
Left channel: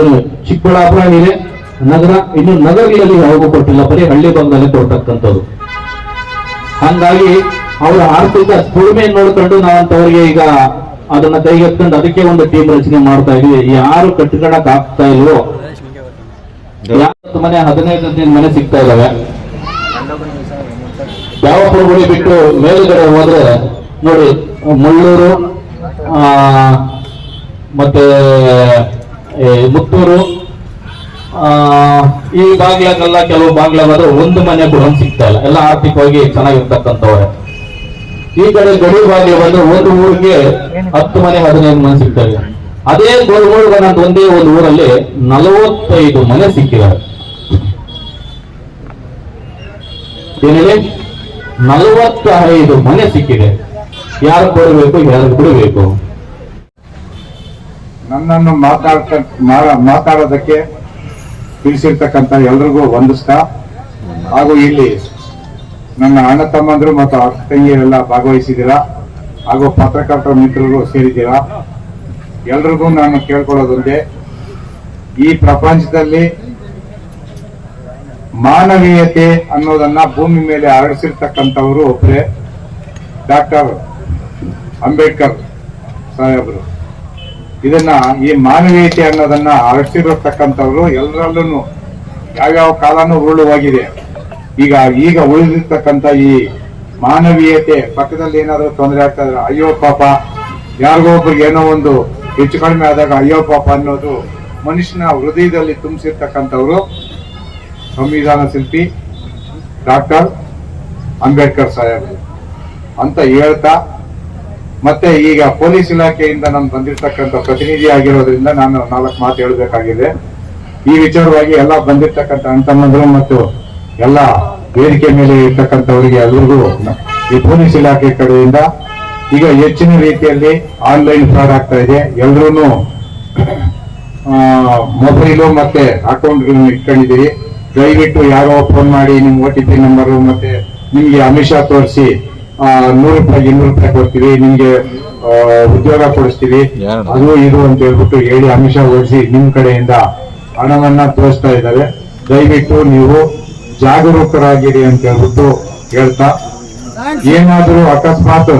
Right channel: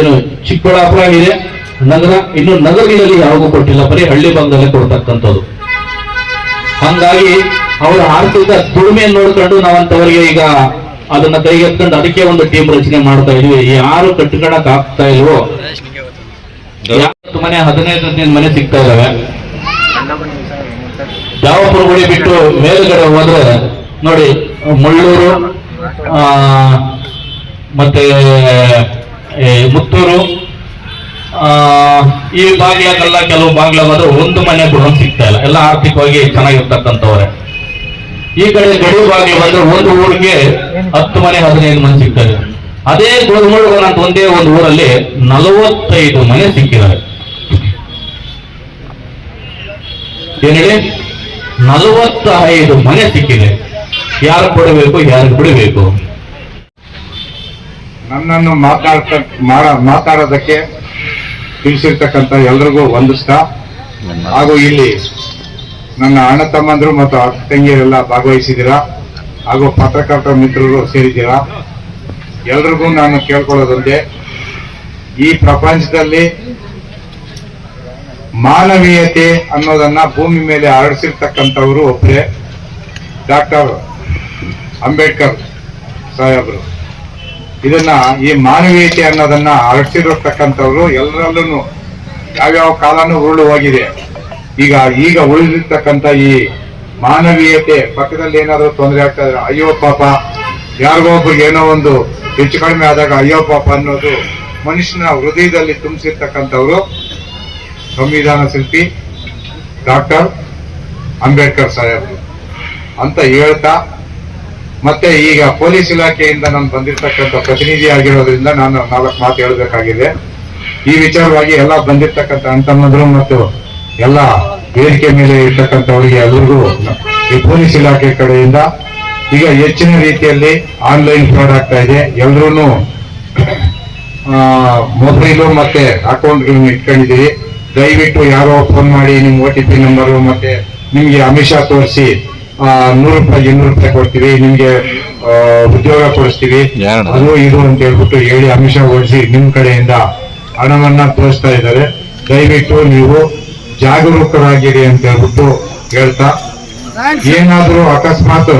ಏನು ಚಿಕ್ಕಬಳ್ಳಾಪುರ ಇದೆ, ನಗರ. ಇನ್ನು ನಗರಗಳಲ್ಲಿ ಯಾವಾಗೂ ಕೊಟ್ಟಿಲ್ಲ, ಬರೀ ಹಳ್ಳಿ ಭಾಗದಲ್ಲೇ ಕೊಡ್ತಕ್ಕಂಥದ್ದು. ಹಂಗಾಗಿ ಅವರ ಆರ್ಥಿಕ ದುಡಿಮೆಯನ್ನು ನೋಡ್ಕೊಂಡು ನಾವಂತವರಿಗೆ ಈಗ ಅದನ್ನ ಕೈಗೆತ್ಕೊಂಡು ಅದಕ್ಕೆ ಒಂದು ಟೀಮ್ ರಚನೆ ಮಾಡ್ತಾ ಇದೀವಿ. ಯಾರು ಕಟ್ಕೊಳಕ್ ಆಗ್ತಾ ಇಲ್ವೋ, 10 ಮನೆ 15 ಮನೆ ಸಿಗ್ತಾ ಇದಾವೆ. ಜಾವಪುರ ಗುಡಿ ಬಿಟ್ಟು ಮೇಲುಗಡೆ ಹೋದ್ರೆ ನೋಡಿ ಮುಳ್ಳೂರು, ಮತ್ತೆ ಮುತ್ತೂರು, ಈ ಬಾಗ್ಲಾಗೆಲ್ಲ ಕೆಲವು ಬಾಗ್ಲಾಗಾದ್ರೆ 1 ಮನೆ ಕೂಡ ಸಿಗ್ತಾ ಇಲ್ಲ. ಎಲ್ಲ ಆರ್ಥಿಕವಾಗಿ ಚೆನ್ನಾಗಿರ್ತಕ್ಕಂಥವ್ರೆ. ಈ ಕಡೆ ಗಡಿ ಬಾಗ್ಲು ಬಂದ್ರೆ ಒಂದು ಊರಿಗೆ 10 ಮನೆ 15 ಮನೆ ಸಿಗ್ತಾರೆ. ಅದೇ ಗೋಲ್ಮೂಡುಗನ ಅಂತ ಒಂದೇ ಒಂದು ಊರಲ್ಲಿ 45 ಮನೆ ಸಿಕ್ಕಿದ್ದಾರೆ. ಏನ್ ಹೇಳಿ, 45 ಮನೆ ಸಿಕ್ಕಿದೆ. ಯಾರು ಕೊಡಬೇಕು, ಯಾರು ಬಿಡಬೇಕು? ನನ್ನನ್ನು ಮಾತಾಡೋದಕ್ಕೆ ತಿಳಿಸಿರ್ತಕ್ಕಂಥ ಎಲ್ರಿಗೂ ವಂದಿಸ್ತಾ, ಹಾಗೂ ಇಲ್ಲಿ ನನ್ನ ಅಣ್ಣ ತಮ್ಮಂದ್ರು ಮತ್ತು ಅಕ್ಕ ತಂಗಿಯರೆಲ್ಲ ಭಾಗವಹಿಸಿದ್ದೀರಾ, ಹಾಗೂ ಪತ್ರಕರ್ತರ ಮಿತ್ರರು ಸೇರಿದ್ದೀರಾ. ಎಲ್ರಿಗೂ ನಾನು ಕೇಳ್ಕೊಳ್ಳೋದೊಂದೇ, ಈ ಪ್ರಪಂಚದಲ್ಲಿ ಮಾನವೀಯತೆ ಅನ್ನೋದನ್ನ ಭೂಮಿ ಮೇಲೆ ಹರಡಿಸಿರ್ತಕ್ಕಂಥವರು ಒಬ್ಬರೇ ಡಾಕ್ಟರ್ ಅಂಬೇಡ್ಕರ್ ಸಾಹೇಬರು. ಇದನ್ನ ಈ ಮಾನವೀಯತೆ ಅನ್ನೋದನ್ನ ಹರಡಿಸಿರತಕ್ಕಂಥವ್ರು ಎಲ್ಲರಲ್ಲೂ ಯಾವ್ಯಾವ ಕಾಲನೂ ಉರುಳುವಾಗಿದೆ. ಈಗ ಉಳಿದಿರ್ತಕ್ಕಂಥ ಈ ಮಾನವೀಯತೆ, ಪಕ್ಕದಲ್ಲಿ ಏನಾದರೂ ತೊಂದರೆ ಆಗ್ತಾ ಇದ್ರೆ ಅಯ್ಯೋ ಪಾಪ, ಯಾರಿಗೋ ಒಬ್ರಿಗೆ ಏನೋ ಒಂದು ಹೆಚ್ಚು ಕಡಿಮೆ ಆದಾಗ ಅಯ್ಯೋ ಪಾಪ ಅನ್ನೋದು ಮನುಷ್ಯನ ಹೃದಯದಲ್ಲಿ ತುಂಬಿಸಿರ್ತಕ್ಕಂಥವ್ರು ಸಂವಿಧಾನ ಶಿಲ್ಪಿ ಡಾಕ್ಟರ್ ಅಂಬೇಡ್ಕರ್ ಸಾಹೇಬರು ಅಂತ ಹೇಳ್ತಾ, ಮತ್ತೆ ಈಗ ಪೊಲೀಸ್ ಇಲಾಖೆಯಿಂದ ನಾನು ಬಂದಿರ್ತಕ್ಕಂಥ ಪ್ರತಿನಿಧಿ ಆಗಿರೋದ್ರಿಂದ ನಾನು 4 ಮಾತು ಹೇಳಬೇಕಾಗಿದೆ. ಈ ವಿಚಾರವಾಗಿ ಎಲ್ಲ ಬಂದಿರ್ತಕ್ಕಂಥ ಅಣ್ಣತಮ್ಮಂದ್ರು ಮತ್ತು ಎಲ್ಲ ವೇದಿಕೆ ಮೇಲೆ ಇರ್ತಕ್ಕಂಥವರಿಗೆ ಎಲ್ರಿಗೂ ಈ ಪೊಲೀಸ್ ಇಲಾಖೆ ಕಡೆಯಿಂದ ಈಗ ಹೆಚ್ಚಿನ ರೀತಿಯಲ್ಲಿ ಆನ್ಲೈನ್ ಫ್ರಾಡ್ ಆಗ್ತಾ ಇದೆ. ಎಲ್ರೂ ಮೊಬೈಲು ಮತ್ತೆ ಅಕೌಂಟ್ಗಳನ್ನ ಇಟ್ಕೊಂಡಿದ್ದೀರಿ. ದಯವಿಟ್ಟು ಯಾರೋ ಫೋನ್ ಮಾಡಿ ನಿಮ್ OTP ನಂಬರು ಮತ್ತೆ ನಿಮ್ಗೆ ಅಮಿಷ ತೋರಿಸಿ 100 ರೂಪಾಯಿ 200 ರೂಪಾಯಿ ಕೊಡ್ತೀವಿ, ನಿಮ್ಗೆ ಉದ್ಯೋಗ ಕೊಡಿಸ್ತೀವಿ, ಅದು ಇದು ಅಂತ ಹೇಳ್ಬಿಟ್ಟು ಹೇಳಿ ಅಮಿಷ ಓಡಿಸಿ ನಿಮ್ ಕಡೆಯಿಂದ ಹಣವನ್ನ ತೋರಿಸ್ತಾ ಇದ್ದಾರೆ. ದಯವಿಟ್ಟು ನೀವು ಜಾಗರೂಕರಾಗಿರಿ ಅಂತ ಹೇಳ್ಬಿಟ್ಟು ಹೇಳ್ತಾ, ಏನಾದ್ರೂ ಅಕಸ್ಮಾತ್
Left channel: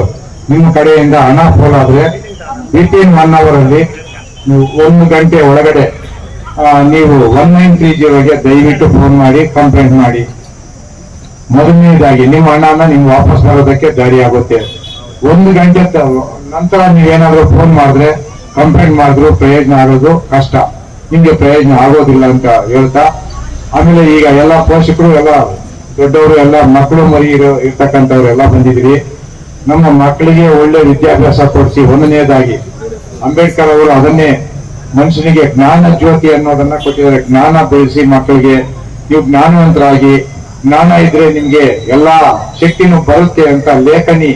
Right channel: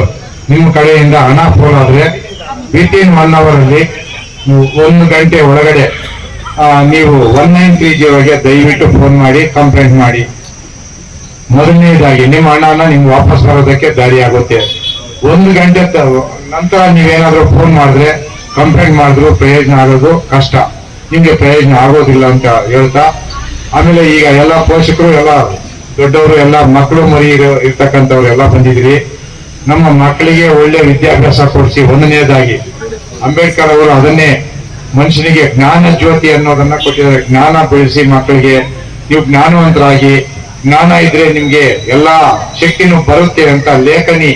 ನಿಮ್ಮ ಕಡೆಯಿಂದ ಹಣ ಪೋಲಾದ್ರೆ ವಿತಿನ್ 1 ಅವರಲ್ಲಿ 1 ಗಂಟೆ ಒಳಗಡೆ ನೀವು 1930ಗೆ ದಯವಿಟ್ಟು ಫೋನ್ ಮಾಡಿ ಕಂಪ್ಲೇಂಟ್ ಮಾಡಿ. ಮೊದಲನೇದಾಗಿ ನಿಮ್ಮ ಹಣನ ನಿಮ್ಗೆ ವಾಪಸ್ ಬರೋದಕ್ಕೆ ದಾರಿ ಆಗುತ್ತೆ. 1 ಗಂಟೆ ನಂತರ ನೀವೇನಾದ್ರೂ ಫೋನ್ ಮಾಡಿದ್ರೆ ಕಂಪ್ಲೇಂಟ್ ಮಾಡಿದ್ರು ಪ್ರಯೋಜನ ಆಗೋದು ಕಷ್ಟ, ನಿಮ್ಗೆ ಪ್ರಯೋಜನ ಆಗೋದಿಲ್ಲ ಅಂತ ಹೇಳ್ತಾ, ಆಮೇಲೆ ಈಗ ಎಲ್ಲ ಪೋಷಕರು ಎಲ್ಲ ದೊಡ್ಡವರು ಎಲ್ಲ ಮಕ್ಕಳು ಮರಿ ಇರ್ತಕ್ಕಂಥವ್ರು ಎಲ್ಲ ಬಂದಿದ್ರಿ. ನಮ್ಮ ಮಕ್ಕಳಿಗೆ ಒಳ್ಳೆ ವಿದ್ಯಾಭ್ಯಾಸ ಕೊಡಿಸಿ. 1ನೇದಾಗಿ ಅಂಬೇಡ್ಕರ್ ಅವರು ಅದನ್ನೇ ಮನುಷ್ಯನಿಗೆ ಜ್ಞಾನ ಜ್ಯೋತಿ ಅನ್ನೋದನ್ನ ಕೊಟ್ಟಿದ್ದಾರೆ. ಜ್ಞಾನ ಬೆಳೆಸಿ ಮಕ್ಕಳಿಗೆ, ನೀವು ಜ್ಞಾನವಂತರಾಗಿ, ಜ್ಞಾನ ಇದ್ರೆ ನಿಮ್ಗೆ ಎಲ್ಲಾ ಶಕ್ತಿನೂ ಬರುತ್ತೆ ಅಂತ ಲೇಖನಿ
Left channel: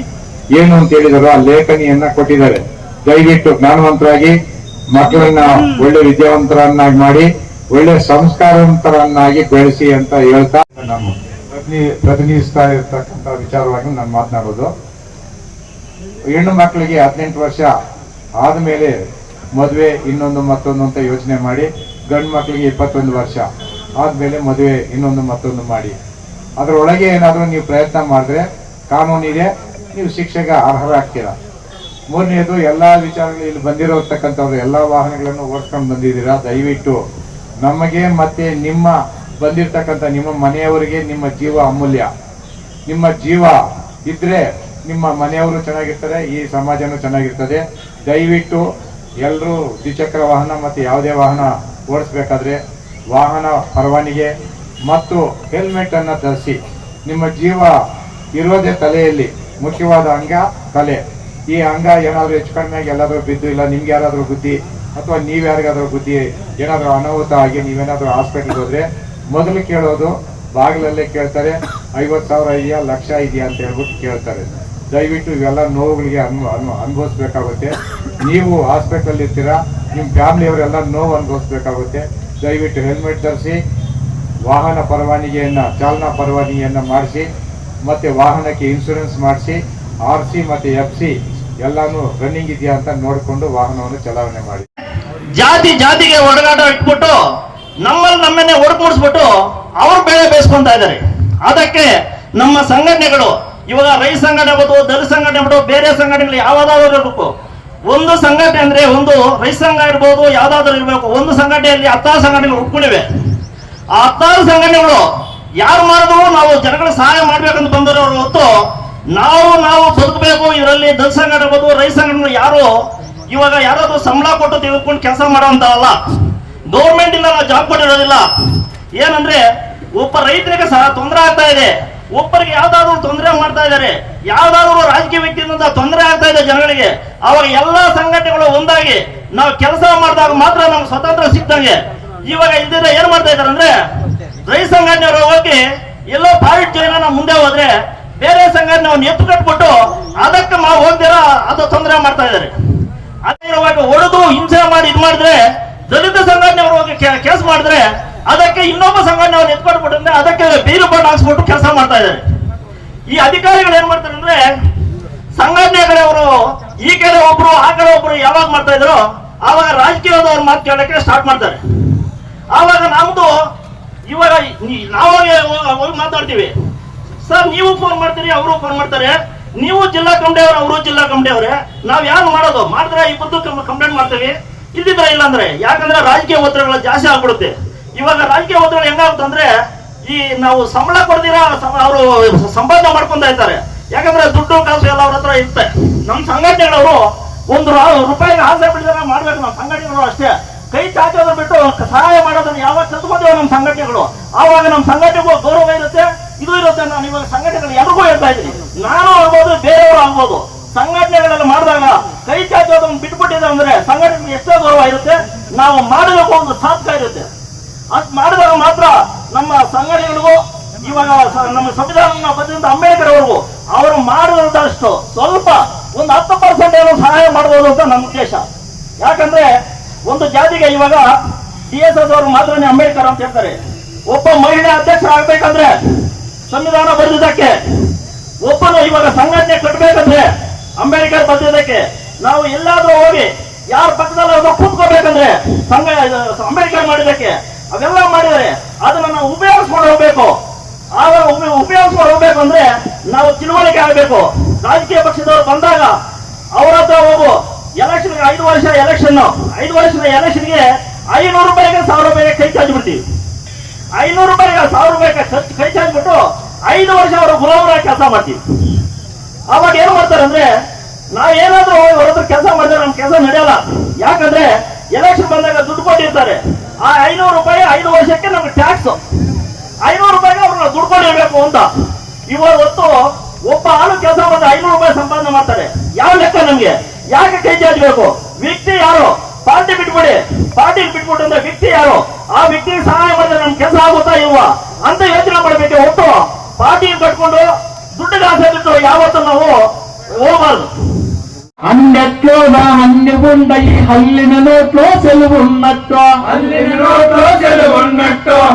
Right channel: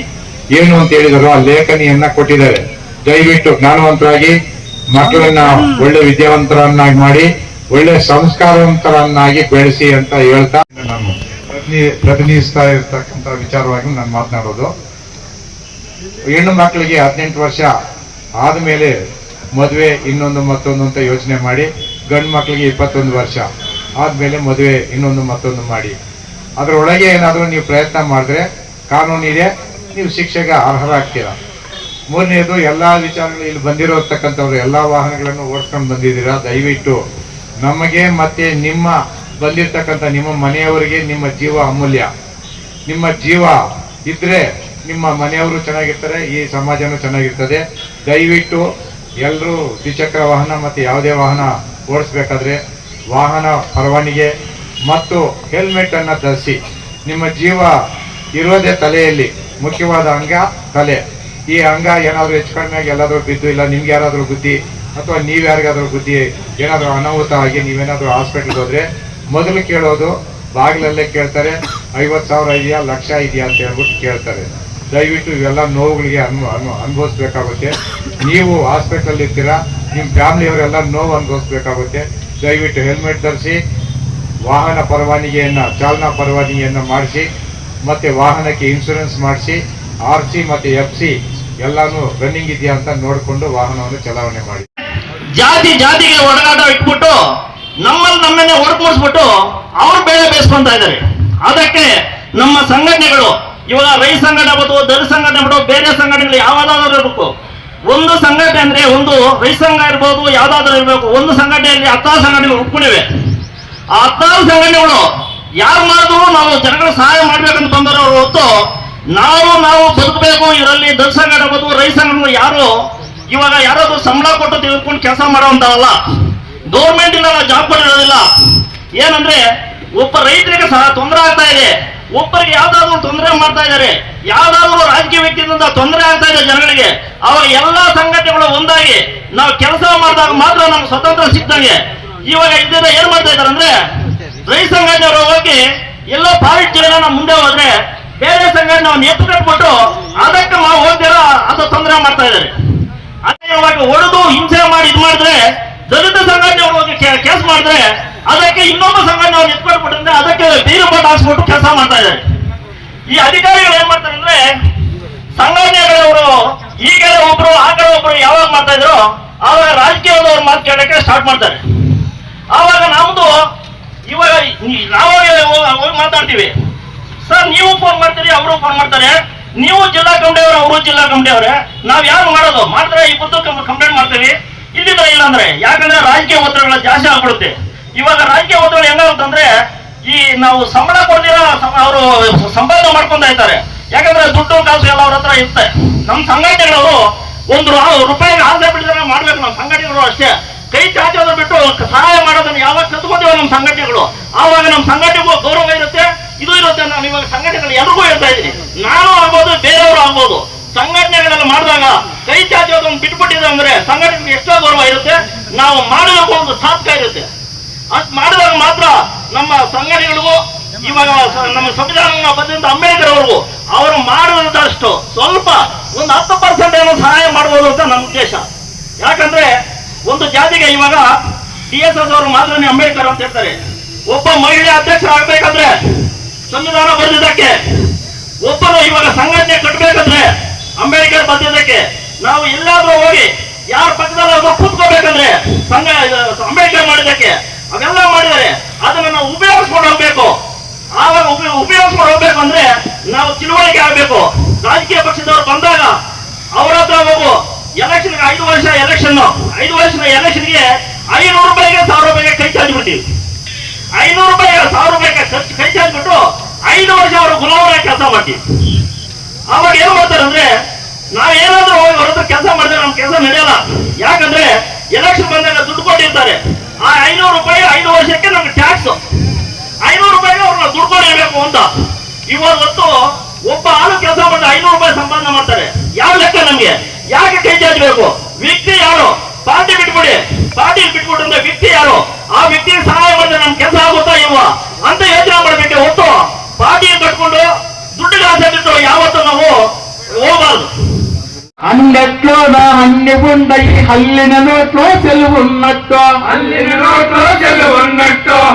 ಏನು ಅಂತ ಹೇಳಿದಾರೋ ಆ ಲೇಖನಿಯನ್ನ ಕೊಟ್ಟಿದ್ದಾರೆ. ದಯವಿಟ್ಟು ಜ್ಞಾನವಂತರಾಗಿ ಮಕ್ಕಳನ್ನ ಒಳ್ಳೆ ವಿದ್ಯಾವಂತರನ್ನಾಗಿ ಮಾಡಿ ಒಳ್ಳೆ ಸಂಸ್ಕಾರವಂತರನ್ನಾಗಿ ಬೆಳೆಸಿ ಅಂತ ಹೇಳ್ತಾ ನಾನು ಪ್ರತಿನಿಧಿಸ್ತಾ ಇರ್ತಕ್ಕಂಥ ವಿಚಾರವಾಗಿ ನಾನು ಮಾತನಾಡೋದು. ಹೆಣ್ಣು ಮಕ್ಕಳಿಗೆ 18 ವರ್ಷ ಆದಮೇಲೆ ಮದುವೆ ಇನ್ನೊಂದು ಮತ್ತೊಂದು ಅಂತ ಯೋಚನೆ ಮಾಡಿ, ಗಂಡು ಮಕ್ಕಳಿಗೆ 21 ವರ್ಷ ಆದಮೇಲೆ ಮದುವೆ ಇನ್ನೊಂದು ಮತ್ತೊಂದು ಮಾಡಿ, ಅದರೊಳಗೆ ಏನಾದರೂ ನೀವು ಪ್ರಯತ್ನ ಮಾಡಿದ್ರೆ ಕಾನೂನಿದೆ, ನೀವು ಶಿಕ್ಷೆಗೆ ಅರ್ಹರಾಗ್ತೀರಾ. ಮೂರನೇದು, ಎಲ್ಲ ವಿಚಾರಗಳು ಇಲ್ಲಿ ಬಂದಿರತಕ್ಕಂಥವ್ರು ಎಲ್ಲ ವಾಹನಗಳನ್ನು ಓಡಿಸ್ಕೊಂಡು ಬಂದಿದ್ದೀರಾ. ದಯವಿಟ್ಟು ನಮಗೆ ಮತ್ತೆ ನಿಮ್ಮ ಬಂದಿರತಕ್ಕಂಥ ನಿಮ್ಮ ಮನೆಯವರಿಗೆ ನಿಮ್ಮ ಜೀವ ಅಮೂಲ್ಯ. ನಿಮ್ಮ ಜೀವ ಇದ್ರೆ ನಿಮ್ಮ ಮನೆಯವರು ಚೆನ್ನಾಗಿರ್ತಾರೆ, ಈ ಸಮಾಜನೂ ಚೆನ್ನಾಗಿರ್ತದೆ. ದಯವಿಟ್ಟು ಎಲ್ಲರೂ ದ್ವಿಚಕ್ರ ವಾಹನ ಮತ್ತು ಯಾವುದೇ ವಾಹನ ಓಡಿಸ್ಬೇಕಾದ್ರೆ ವಾಹನ ಪರವಾನಿಗೆ ಮತ್ತು ಹೆಲ್ಮೆಟ್ ಅನ್ನು ಧರಿಸಿ. ನಿಮ್ಮ ಜೀವ ಇರೋದೇ ತಲೆಯಲ್ಲಿ, ಮುಖ್ಯವಾದ ಅಂಗ ತಲೆ. ಈ ಅಂಗ ಏನಾದರೂ ಹೆಚ್ಚು ಕಡಿಮೆ ಎಲ್ಲಾದರೂ ಬಿದ್ದು, ಇಲ್ಲ ನಿಮ್ಗೆ ಯಾರಾದರೂ ಬುದ್ಧಿ ಅಥವಾ ನೀವು ಯಾರಿಗಾದ್ರೂ ಬುದ್ಧಿ ಏನಾದರೂ ಅನಾಹುತ ಆಗಿ ನೀವೇನಾದರೂ ಹಾಸ್ಪಿಟ್ಲ್ಗೆ ಹೋದ್ರೆ ಮೊದಲು ಕೇಳೋದು ಬಾಗಿಲಲ್ಲೇ ಕೇಳ್ತಾರೆ, 50,000 ಇದೆಯಾ, ಲಕ್ಷ ಇದೆಯಾ ಅಂತ ಹೇಳ್ಬಿಟ್ಟು ಕೇಳ್ತಾರೆ. ದಯವಿಟ್ಟು ಇವೆಲ್ಲ ನೋವುಗಳಿಗೆ ಅನುಭವಿಸ್ಬೇಕಾಗುತ್ತೆ. ನೀವು ಹಾಸ್ಪಿಟಲ್ ಇರ್ತೀರಾ, ನಿಮ್ಮ ಫ್ಯಾಮಿಲಿಯವರೆಲ್ಲ ನೋವು ಅನುಭವಿಸ್ಬೇಕಾಗುತ್ತೆ. ದಯವಿಟ್ಟು ಹೆಲ್ಮೆಟ್ ಧರಿಸಿ, ವಾಹನ ಪರವಾನಿಗೆಯನ್ನು ಚಾಲನಾ ಪರವಾನಿಗೆಯನ್ನು ಮಾಡಿಸಿ, ಮತ್ತು ವಾಹನಕ್ಕೆ ಇನ್ಶೂರೆನ್ಸ್ ಮಾಡಿಸಿ, RC ಮತ್ತು FC ಎಲ್ಲಾನು ರನ್ನಿಂಗ್ ಇದೆಯಾ ಅಂತ ನೋಡಿಕೊಂಡು ವಾಹನವನ್ನು ಚಲಾವಣೆ ಮಾಡಿ. ಜಾತಿಗೆ ಒಡನಾಟ ಇಟ್ಬಿಟ್ಟು ನಮ್ಮನ್ನೇ ಹೊರಪಡಿಸ್ಬಿಟ್ಟು ಅವ್ರು ಬೇಳೆ ಬೇಯಿಸ್ಕೊಂತ ಇದ್ದಾರೆ. ಅದಕ್ಕೆ ನಮ್ಮ ಸಂಘಟನೆಗಳು ಇವಾಗ ರೈತ ಸಂಘಟನೆ ಆಗ್ಬೋದು, ದಲಿತ ಸಂಘಟನೆ ಆಗ್ಬೋದು, ಬೇರೆ ಸಂಘಟನೆಗಳು ಯಾವ್ದಾದ್ರು ಇರಬೇಕು. ಒಂದು ಸಂಘಟನೆ ಅಂದ್ರೆ ಒಂದು ರೈತ ಸಂಘ ಇರ್ಬೋದು, ಯಾವ್ದಾದ್ರು ಇರಬೇಕು. ಒಂದು ಸಂಘಟನೆಯಲ್ಲಿ 10 ಸಂಘಟನೆಗಳು ಉಟ್ಕೊಂಡಿವೆ. ಆ 10 ಸಂಘಟನೆಗಳು ಯಾರು ಮಾಡಿದ್ರು ನಾವು ಜನಗಳ ಸಹಾಯ ಮಾಡ್ಬೇಕಂತ ಬಂದವರು ಹೊತ್ತು ನಾವು ಬದುಕಬೇಕು. ಇದರಲ್ಲಿ ದಲಿತ ಸಂಘಟನೆ ಆಗ್ಬೋದು, ರೈತ ಸಂಘಟನೆಗಳು ಯಾರು ಇವಾಗ ಯಾರಾದ್ರೂ ಸಂಬಳ ಕೊಟ್ಟು ತೆಗೆದುಕೊಂಡು ಕೆಲಸ ಮಾಡುವಂತಲ್ಲ. ಗೌರ್ಮೆಂಟ್ ಇಂದ ಜಾಬ್ ಕೊಟ್ಟಿರೋದಿಲ್ಲ. ಏನಂದ್ರೆ ಒಬ್ಬ ರೈತರಿಗೆ ಸಹ ತೊಂದರೆ ಆಗ್ತಾ ಇದೆ, ಒಬ್ಬರಿಗೆ ಯಾವ್ದಾದ್ರು ತೊಂದರೆ ಮಾಡ್ತಾ ಇದ್ದಾರೆ, ಯಾವ್ದಾದ್ರು ರಾಜಕೀಯ ವ್ಯಕ್ತಿಯಿಂದ ತೊಂದರೆ ಆಗ್ತಾ ಇದೆ ಜನಗಳಿಗೆ. ಅವಾಗ ಎಲ್ಲಾ ಸಂಘಟನೆಗಳು ಒಂದಾಗಿ ನಾವು ಕೆಲಸ ಮಾಡಿದಾಗ ಮಾತ್ರ ನಮ್ಗೆ ಸ್ವತಂತ್ರ ಸಿಕ್ತಂಗೆ. ಇವಾಗ ಇದ್ದಿದ್ರೆ ಏನ್ ಮಾಡ್ತಾ ಇದಾರೆ ಅಂದ್ರೆ, ರೈತ ಸಂಘಟನೆಯವರು ಹೋಗಿ ಎಲ್ಲೋ ಪಾಲಿಟ್ ಜನ ಮುಂದೆ ಹೋದ್ರೆ ಬೇರೆ ಸಂಘಟನೆ ನಾವು ಎತ್ತು ಕಟ್ಬಿಟ್ಟು ಅದಕ್ಕೆ ನಾವು ಹೋಗ್ತೀರಾ ಅದು ತೊಂದರೆ ಮಾಡ್ತಾ ಇದ್ದಾರೆ. ಅದೇ ಇವಾಗ ಹೊಡೆದು ಹಿಂಸೆ ಮಾಡಿ ಇದ್ ಮಾಡಿದ್ರೆ, ದಲಿತ ಸಂಘಟನೆ ಹೋಗಿ ಕೇಸ್ ಮಾಡಿದ್ರೆ ಅದಕ್ಕೆ ಇನ್ನೊಬ್ಬ ಸಂಘಟನೆ ಅವ್ರು ಎತ್ಕೊಟ್ಬಿಟ್ರೆ ಅದಕ್ಕೆ ಬೀರು ಬಟ್ ಹಾಕ್ಸ್ಬಿಟ್ಟು ಕೆಲಸ ಮಾಡ್ತಾ ಇದ್ದಾರೆ. ಈ ಅಧಿಕಾರಿಗಳು ಏನ್ ಮಾಡ್ತಾರೆ ಅಂದ್ರೆ, ಸಂಘಟನೆಗಳವರು ಈ ಕಡೆ ಒಬ್ರು ಆ ಕಡೆ ಒಬ್ರು ಯಾವಾಗ ಮಾಡ್ತಾ ಇದ್ರು ಆವಾಗ ರಾಜಕೀಯದವ್ರ ಮಾತು ಕೇಳಕ್ಕೆ ಸ್ಟಾರ್ಟ್ ಮಾಡ್ತಾರೆ. ಆವಾಗ ನಮ್ದು ಇವಾಗ ಹೋಗಿ ಮಾತಾಡ್ತೀವಿ, ಸರ್ ನೀವು ಫೋನ್ ಮಾಡ್ತೀರಿ, ಅವರು ಫೋನ್ ಮಾಡ್ತಾರೆ, ನೀವು ಜಿಲ್ಲಾ ಕಮಿಟಿಯವರು, ಅವರು ಜಿಲ್ಲಾ ಕಮಿಟಿಯವರೇ, ನಾವ್ ಯಾರು ಮಾಡೋದು ಮಾಡಿದ್ರೆ ಇಬ್ಬರು ಕಂಪ್ಲೇಂಟ್ ಮಾಡ್ತೀವಿ, ಇಲ್ಲಿದ್ರೆ ಇಲ್ಲ ಅಂದ್ರೆ. ಯಾಕಂದ್ರೆ ರಾಜಕೀಯ ಒತ್ತಡಗಳು ಜಾಸ್ತಿ ಆಗ್ಬಿಡುತ್ತೆ. ಇವಾಗ ರಾಜಕೀಯ ಒತ್ತಡ ಹೆಂಗಾಗುತ್ತಂದ್ರೆ, ಈ ನಾವು ಸಂಬಳ ಕೊಡ್ತೀರಾ ಅವರು ಸಂಪಾದನೆ ಮಾಡ್ಕೊಂತ ಇರ್ತಾರೆ. ಯಾಕಂದ್ರೆ ದುಡ್ಡು ಕಾಸು ಎಲ್ಲ ಅವ್ರ ಹತ್ರ ಇರುತ್ತೆ. ನಮ್ಮ ಸಂಘಟನೆಗಳವರು ₹1 ಆಸೆ ಬಿಟ್ಟಿದ್ರೆ ಮಾಡ್ಬೇಕು. ನಮ್ಮ ಸಂಘಟನೆಗಳು ಅಷ್ಟೇ ಕೈ ಚಾಚೋದು ಬಿಟ್ಟು ಸಹಾಯ ಮಾಡೋದನ್ನ ಯಾವಾಗ ಕತ್ಕೋತೇವೆ ನಮ್ಮ ಸಂಘಟನೆಗಳು, ಆವಾಗ ನಮ್ಮ ಸಂಘಟನೆಗೂ ಗೌರವ ಇರುತ್ತೆ, ಇದು ಇರುತ್ತೆ. ನಾನು ಇವಾಗ ಸಂಘಟನೆಗಳು ಎಲ್ರಿಗೂ ಹೇಳ್ತಾ ಇದ್ದೀನಿ, ನಾನು ಆಗ್ಬೋದು, ಬೇರೆಯವರು ಆಗ್ಬೋದು. ಸಂಘಟನೆಗಳೆಲ್ಲ ಮಾಡಿದಾಗ ಕೈ ಚಾಚೋದನ್ನು ಬಿಟ್ಬಿಟ್ಟಿದೆ ಅಂದ್ರೆ ಸಂಘಟನೆಗೆ ಎಷ್ಟೋ ಗೌರವ ಇರುತ್ತೆ. ನಾವು ಮಾಡೋದಕ್ಕೂ ಒಂದು ಸಾರ್ಥಕ ಇರುತ್ತೆ. ಅದ್ ಮಾಡಿದಾಗ ಮಾತ್ರ ನಮ್ಮ ಸಂಘಟನೆಗಳಿಗೂ, ಇವಾಗ ನಮ್ಮ ಸಂವಿಧಾನ ಬಂದಿಂದ ಅಂಬೇಡ್ಕರ್ ಅವ್ರಿಗೂ ಅವರು ಮಾಡಿದಷ್ಟು ಸ್ವಲ್ಪ ಒಂದು 10% ಏನೋ ಸಹಾಯ ಮಾಡಬಹುದು ಅಂತ ನಮ್ಮ ಉದ್ದೇಶ. ಯಾಕಂದ್ರೆ ಒಂದು ಜಾತಿಗೆ ಇವಾಗ DSS ಅವರು ಮಾತ್ರನೇ ಅಂಬೇಡ್ಕರ್ ಅಂತ ಹೇಳ್ತಾರೆ. ಒಬ್ಬ ಮಹಿಳೆ ಅಧ್ಯಕ್ಷರಾಗಬೇಕಂದ್ರೆ ಸಂವಿಧಾನ ಬರೆದಿದ್ದಕ್ಕೆ, ಒಬ್ಬನು ಇವಾಗ ಸಂಘಟನೆ ಕಟ್ಟಬೇಕಂದ್ರೆ ಅಂಬೇಡ್ಕರ್ ಬಂದಿದ್ದಕ್ಕೆ, ನಾವು ಎಲ್ಲಾದ್ರೂ ಹೋಗಿ ಯಾರ ಪಕ್ಕದಲ್ಲಿ ಒಬ್ಬ ಕೂತ್ಕೋಬೇಕಂದ್ರೆ ಅಂಬೇಡ್ಕರ್ ಮಾಡಿದ್ದಕ್ಕೆ, ಅವೆಲ್ಲ ಮಾಡಿದರೆ ಅದನ್ನ ನಾವು ಉಪಯೋಗಿಸ್ಕೊಂಡು ಹೋಗ್ಬೇಕು. ಆವಾಗ ಉಪಯೋಗಿಸ್ಕೊಂಡು ಹೋಗ್ಬೇಕು ಅಂದ್ರೆ ನಾವು ತಿಳುವಳಿಕೆ ಆಗಬೇಕು. ರಾಜಕೀಯ ಪಕ್ಷದವರು ಬಂದಾಗ ಅವ್ರ ಹತ್ರ ಹೋಗು, ಎಲೆಕ್ಷನ್ 5 ವರ್ಷ ಎಲೆಕ್ಷನ್, 5 ವರ್ಷದ ಎಲೆಕ್ಷನ್ಗೆ ₹500 ₹1000 ಕೈ ಚಾಚಿ ಬಿಡ್ತೀವಿ. ₹500 ₹1000 ಕೈ ಚಾಚ್ಬಿಟ್ಟು 5 ವರ್ಷ ಅವರು ಗುಲಾಮರಾಗಿ ಕೆಲಸ ಮಾಡ್ತೀವಿ. ಅವಾಗ ಏನ್ ಮಾಡ್ತಾರೆ ಅಂದ್ರೆ, ನಾವೇನಾದ್ರೂ ಹೋಗಿ ಅವ್ರ ಹತ್ರ ಕೆಲಸ ಮಾಡಿದ್ರೆ ನಮ್ ಕೆಲಸ ನಡೆಯಲ್ಲ. ಯಾಕಂದ್ರೆ ಎಲೆಕ್ಷನ್ ಬಂದಾಗ ದುಡ್ಡು ಕೊಟ್ಟಿರ್ತಾರೆ. ಆ ₹500 5 ವರ್ಷಕ್ಕೆ ನಮ್ಗೆ ಟ್ಯಾಕ್ಸ್. ₹500 ಅವ್ರನ್ನ ದುಡ್ಡು ಕೊಡಿರ್ಬೇಕು ಅಂತ. ಇವಾಗ ಹೊತ್ತು ಒಬ್ಬ ಆಳು ಕೆಲಸ ಮಾಡಿದ್ರೆ ₹500 ಸಂಪಾದನೆ ಮಾಡ್ತಾರೆ. ಯಾವ ಲೆಕ್ಕ ನಮ್ಗೆ? ಯಾಕೆ ಕೈ ಚಾಚಬೇಕು? ವ್ಯಕ್ತಿ ಯಾರು? ಪಾರ್ಟಿ ಬಿಟ್ಬಿಡಿ. ಪಾರ್ಟಿ ಬಿಟ್ಬಿಟ್ಟು ಅಂದ್ರೆ ವ್ಯಕ್ತಿ ಯಾರು? ಆ ವ್ಯಕ್ತಿಗೆ ಸಹಾಯ ಮಾಡಿದ್ರೆ ನಮ್ ಕೆಲಸ ಆಗುತ್ತಾ ಇಲ್ವಾ ಅಂತ ಯೋಚನೆ ಮಾಡ್ಬೇಕೆ ಹೊತ್ತು ಪಾರ್ಟಿ ಕಟ್ಕೊಂಡು ದುಡ್ಡಿಗೆ ಆಸೆ ಬಿಟ್ಟು ಯಾವತ್ತೂ ನಾವು ಹೋಗಬಾರ್ದು. ಅಂಗಟ್ಲೋದ ಹಣ್ಣು చెవుండ ఈ హల్లిన నోట్లో సెలువున్నట్టు